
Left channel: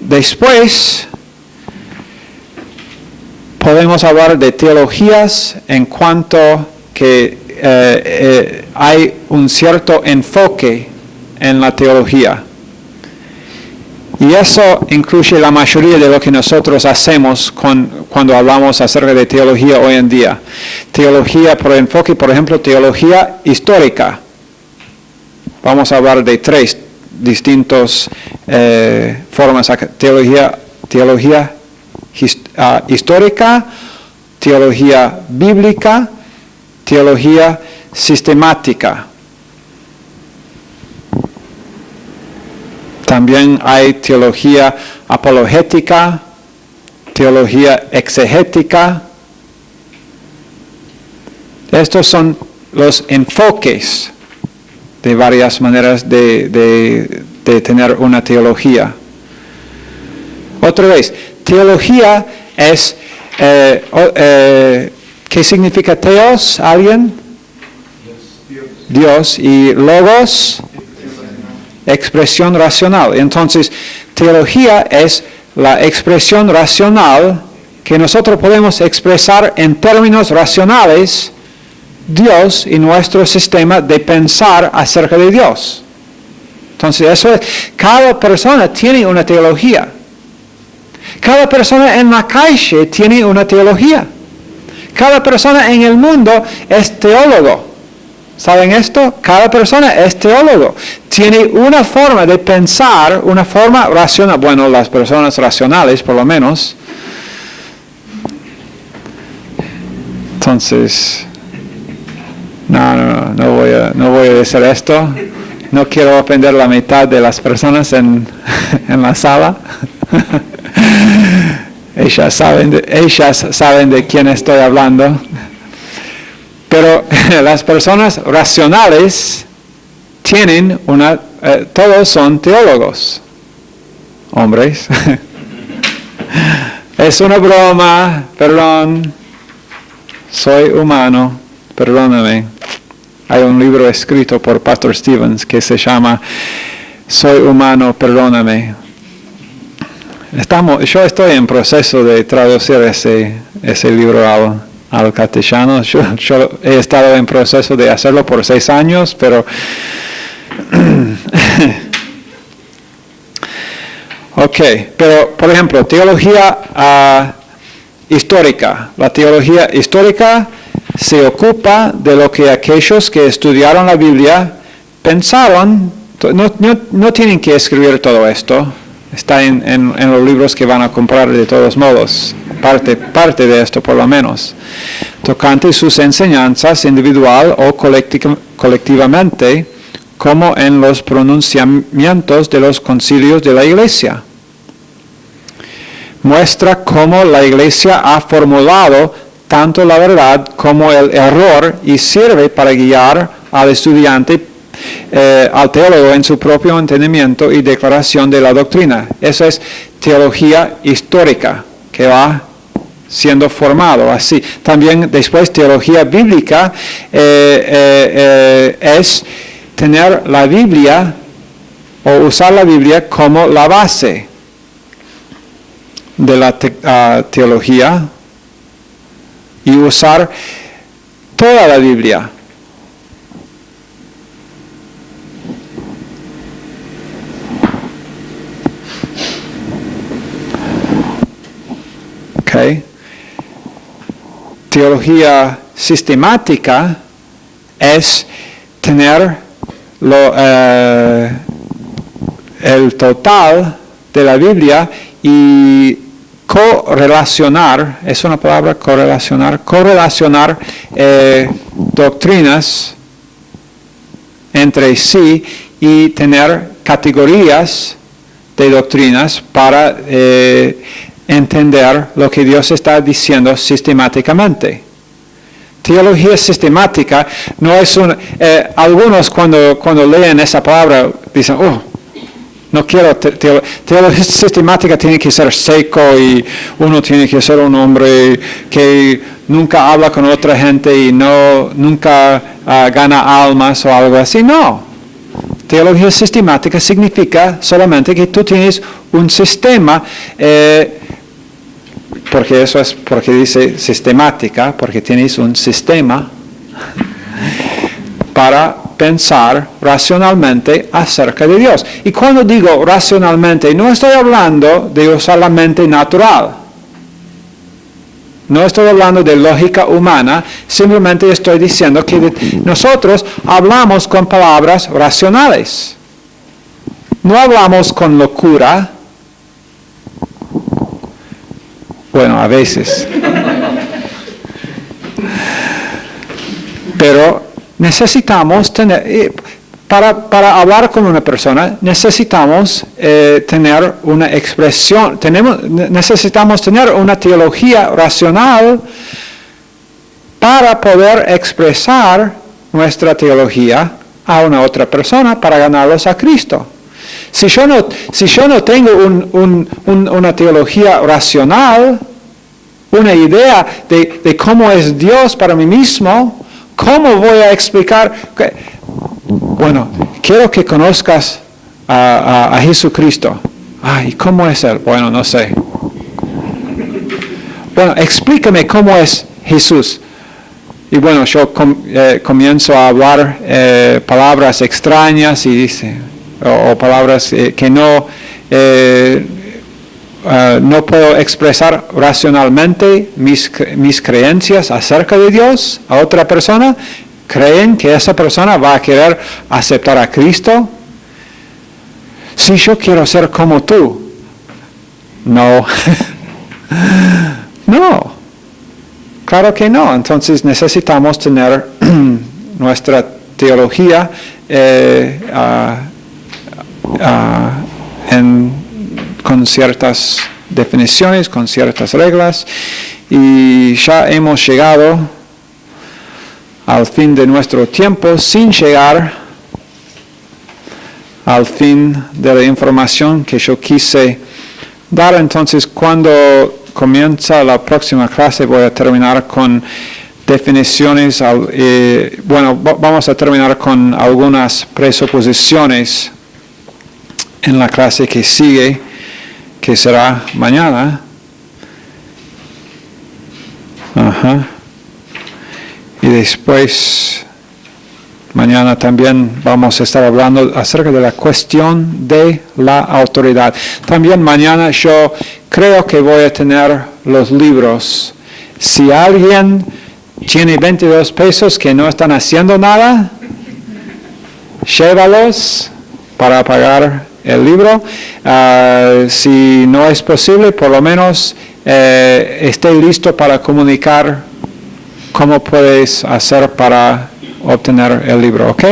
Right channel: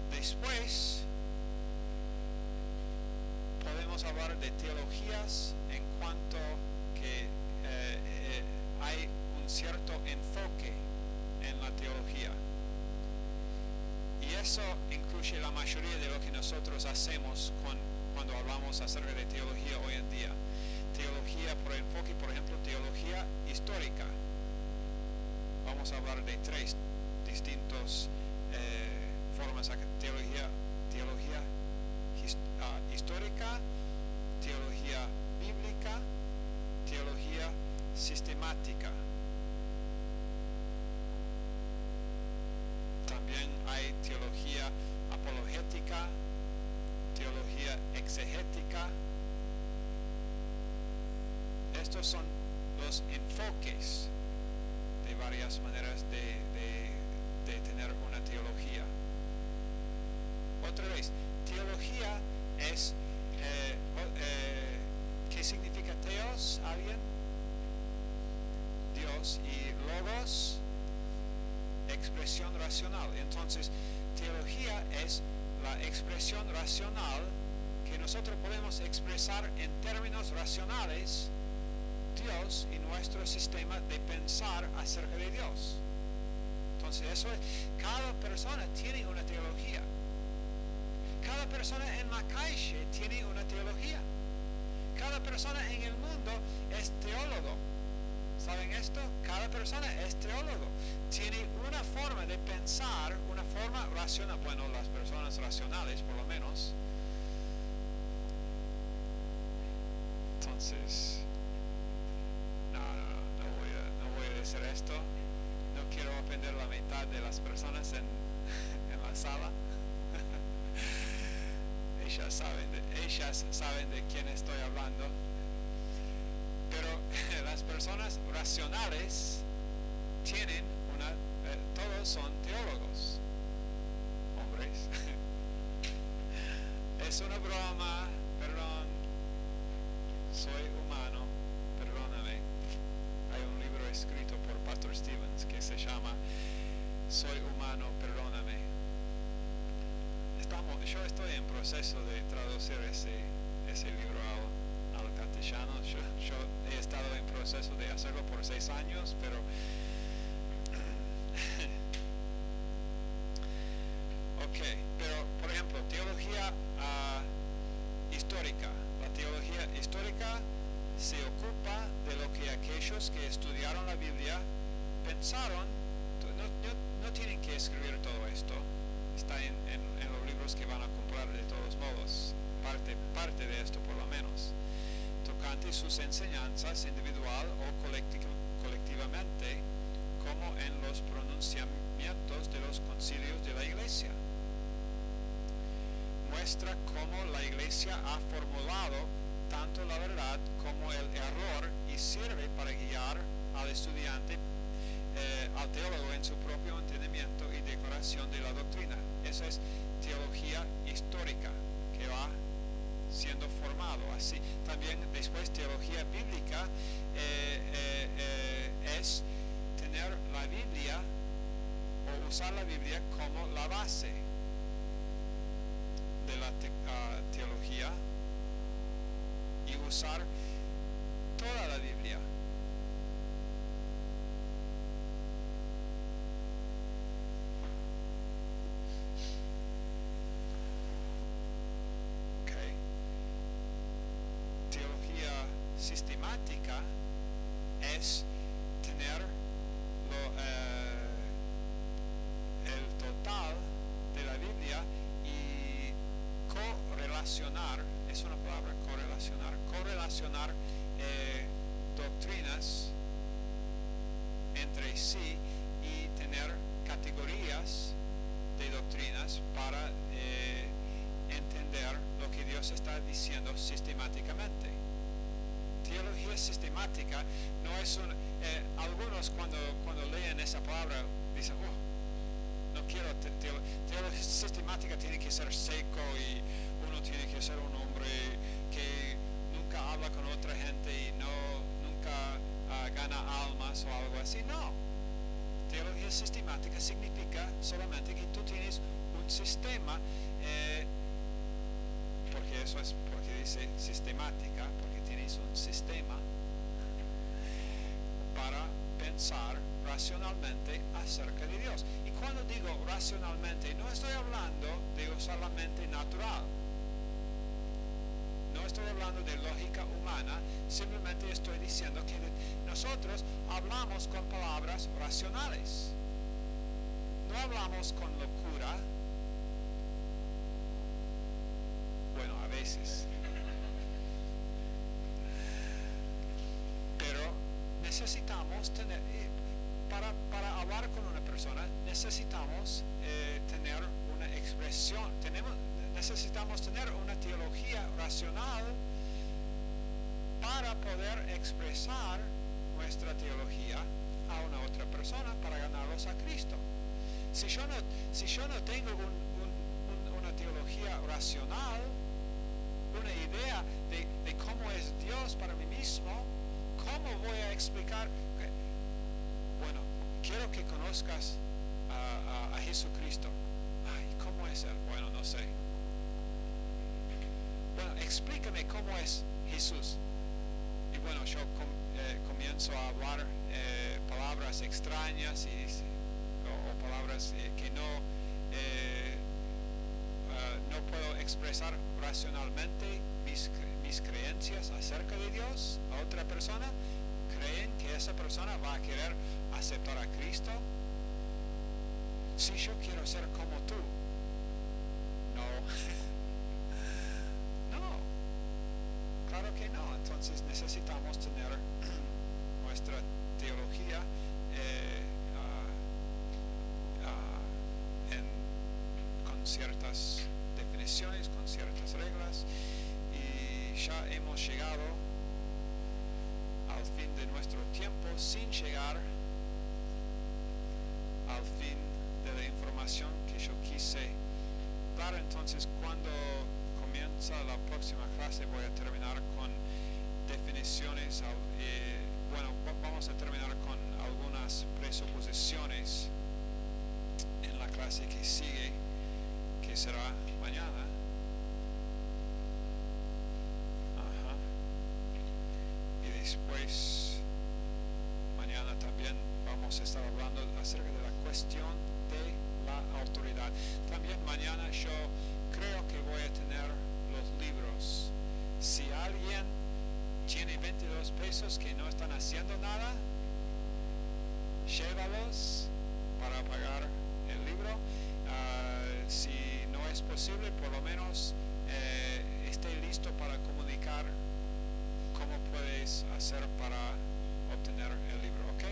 Después podemos hablar de teologías en cuanto que hay un cierto enfoque en la teología. Y eso incluye la mayoría de lo que nosotros hacemos cuando hablamos acerca de teología hoy en día. Teología por enfoque, por ejemplo, teología histórica. Vamos a hablar de 3 distintas formas. Teología histórica, teología bíblica, teología sistemática. También hay teología apologética, teología exegética. Estos son los enfoques de varias maneras de tener una teología. Otra vez, teología es, ¿qué significa teos? ¿Alguien? Dios. Y logos, expresión racional. Entonces, teología es la expresión racional que nosotros podemos expresar en términos racionales Dios y nuestro sistema de pensar acerca de Dios. Entonces, eso es, cada persona tiene una teología. Cada persona en la calle tiene una teología. Cada persona en el mundo es teólogo. ¿Saben esto? Cada persona es teólogo. Tiene una forma de pensar, una forma racional. Bueno, las personas racionales, por lo menos. Entonces, no voy a decir esto. No quiero ofender la mitad de las personas en la sala. Ellas saben de quién estoy hablando. Pero las personas racionales tienen todos son teólogos, hombres. Es una broma, perdón, soy humano, perdóname. Hay un libro escrito por Pastor Stevens que se llama Soy humano, perdóname. Yo estoy en proceso de traducir ese libro al castellano. Yo he estado en proceso de hacerlo por 6 años, pero ok, pero por ejemplo, teología histórica. La teología histórica se ocupa de lo que aquellos que estudiaron la Biblia pensaron. No tienen que escribir todo esto. Está en los libros que van a comprar de todos modos. Parte de esto por lo menos. Tocante sus enseñanzas individual o colectivamente, como en los pronunciamientos de los concilios de la Iglesia. Muestra cómo la Iglesia ha formulado tanto la verdad como el error y sirve para guiar al estudiante, al teólogo en su propio entendimiento y declaración de la doctrina. Eso es teología histórica, que va siendo formado así. También después teología bíblica es tener la Biblia o usar la Biblia como la base de la teología y usar toda la Biblia. Okay. Teología sistemática es tener el total de la Biblia y correlacionar, es una palabra correlacionar doctrinas entre sí y tener categorías de doctrinas para entender lo que Dios está diciendo sistemáticamente. Teología sistemática no es algunos cuando leen esa palabra dicen, no quiero teología sistemática, tiene que ser seco y uno tiene que ser un hombre que nunca habla con otra gente y nunca gana almas o algo así. No. Teología sistemática significa solamente que tú tienes un sistema, porque eso es porque dice sistemática, porque tienes un sistema para pensar racionalmente acerca de Dios. Y cuando digo racionalmente, no estoy hablando de usar la mente natural. No estoy hablando de lógica humana, simplemente estoy diciendo que nosotros hablamos con palabras racionales. No hablamos con locura. Bueno, a veces. Pero necesitamos tener, para hablar con una persona, necesitamos tener una expresión, necesitamos tener una teología racional para poder expresar nuestra teología a una otra persona para ganarlos a Cristo. Si yo no tengo una teología racional, una idea de cómo es Dios para mí mismo, ¿cómo voy a explicar? Bueno, quiero que conozcas a Jesucristo. ¿Y cómo es Él? Bueno, no sé. Bueno, explícame cómo es Jesús. Y bueno, yo comienzo a hablar palabras extrañas y dice, o palabras que no puedo expresar racionalmente mis creencias acerca de Dios a otra persona. ¿Creen que esa persona va a querer aceptar a Cristo? Si yo quiero ser como tú. No. No. Claro que no. Entonces necesitamos tener nuestra teología con ciertas definiciones, con ciertas reglas, y ya hemos llegado al fin de nuestro tiempo sin llegar al fin de la información que yo quise dar. Entonces, cuando comienza la próxima clase voy a terminar con definiciones, vamos a terminar con algunas presuposiciones en la clase que sigue, que será mañana. Y después, mañana también vamos a estar hablando acerca de la cuestión de la autoridad. También mañana yo creo que voy a tener los libros. Si alguien tiene 22 pesos que no están haciendo nada, llévalos para pagar el libro. Si no es posible, por lo menos esté listo para comunicar cómo puedes hacer para obtener el libro, ¿ok?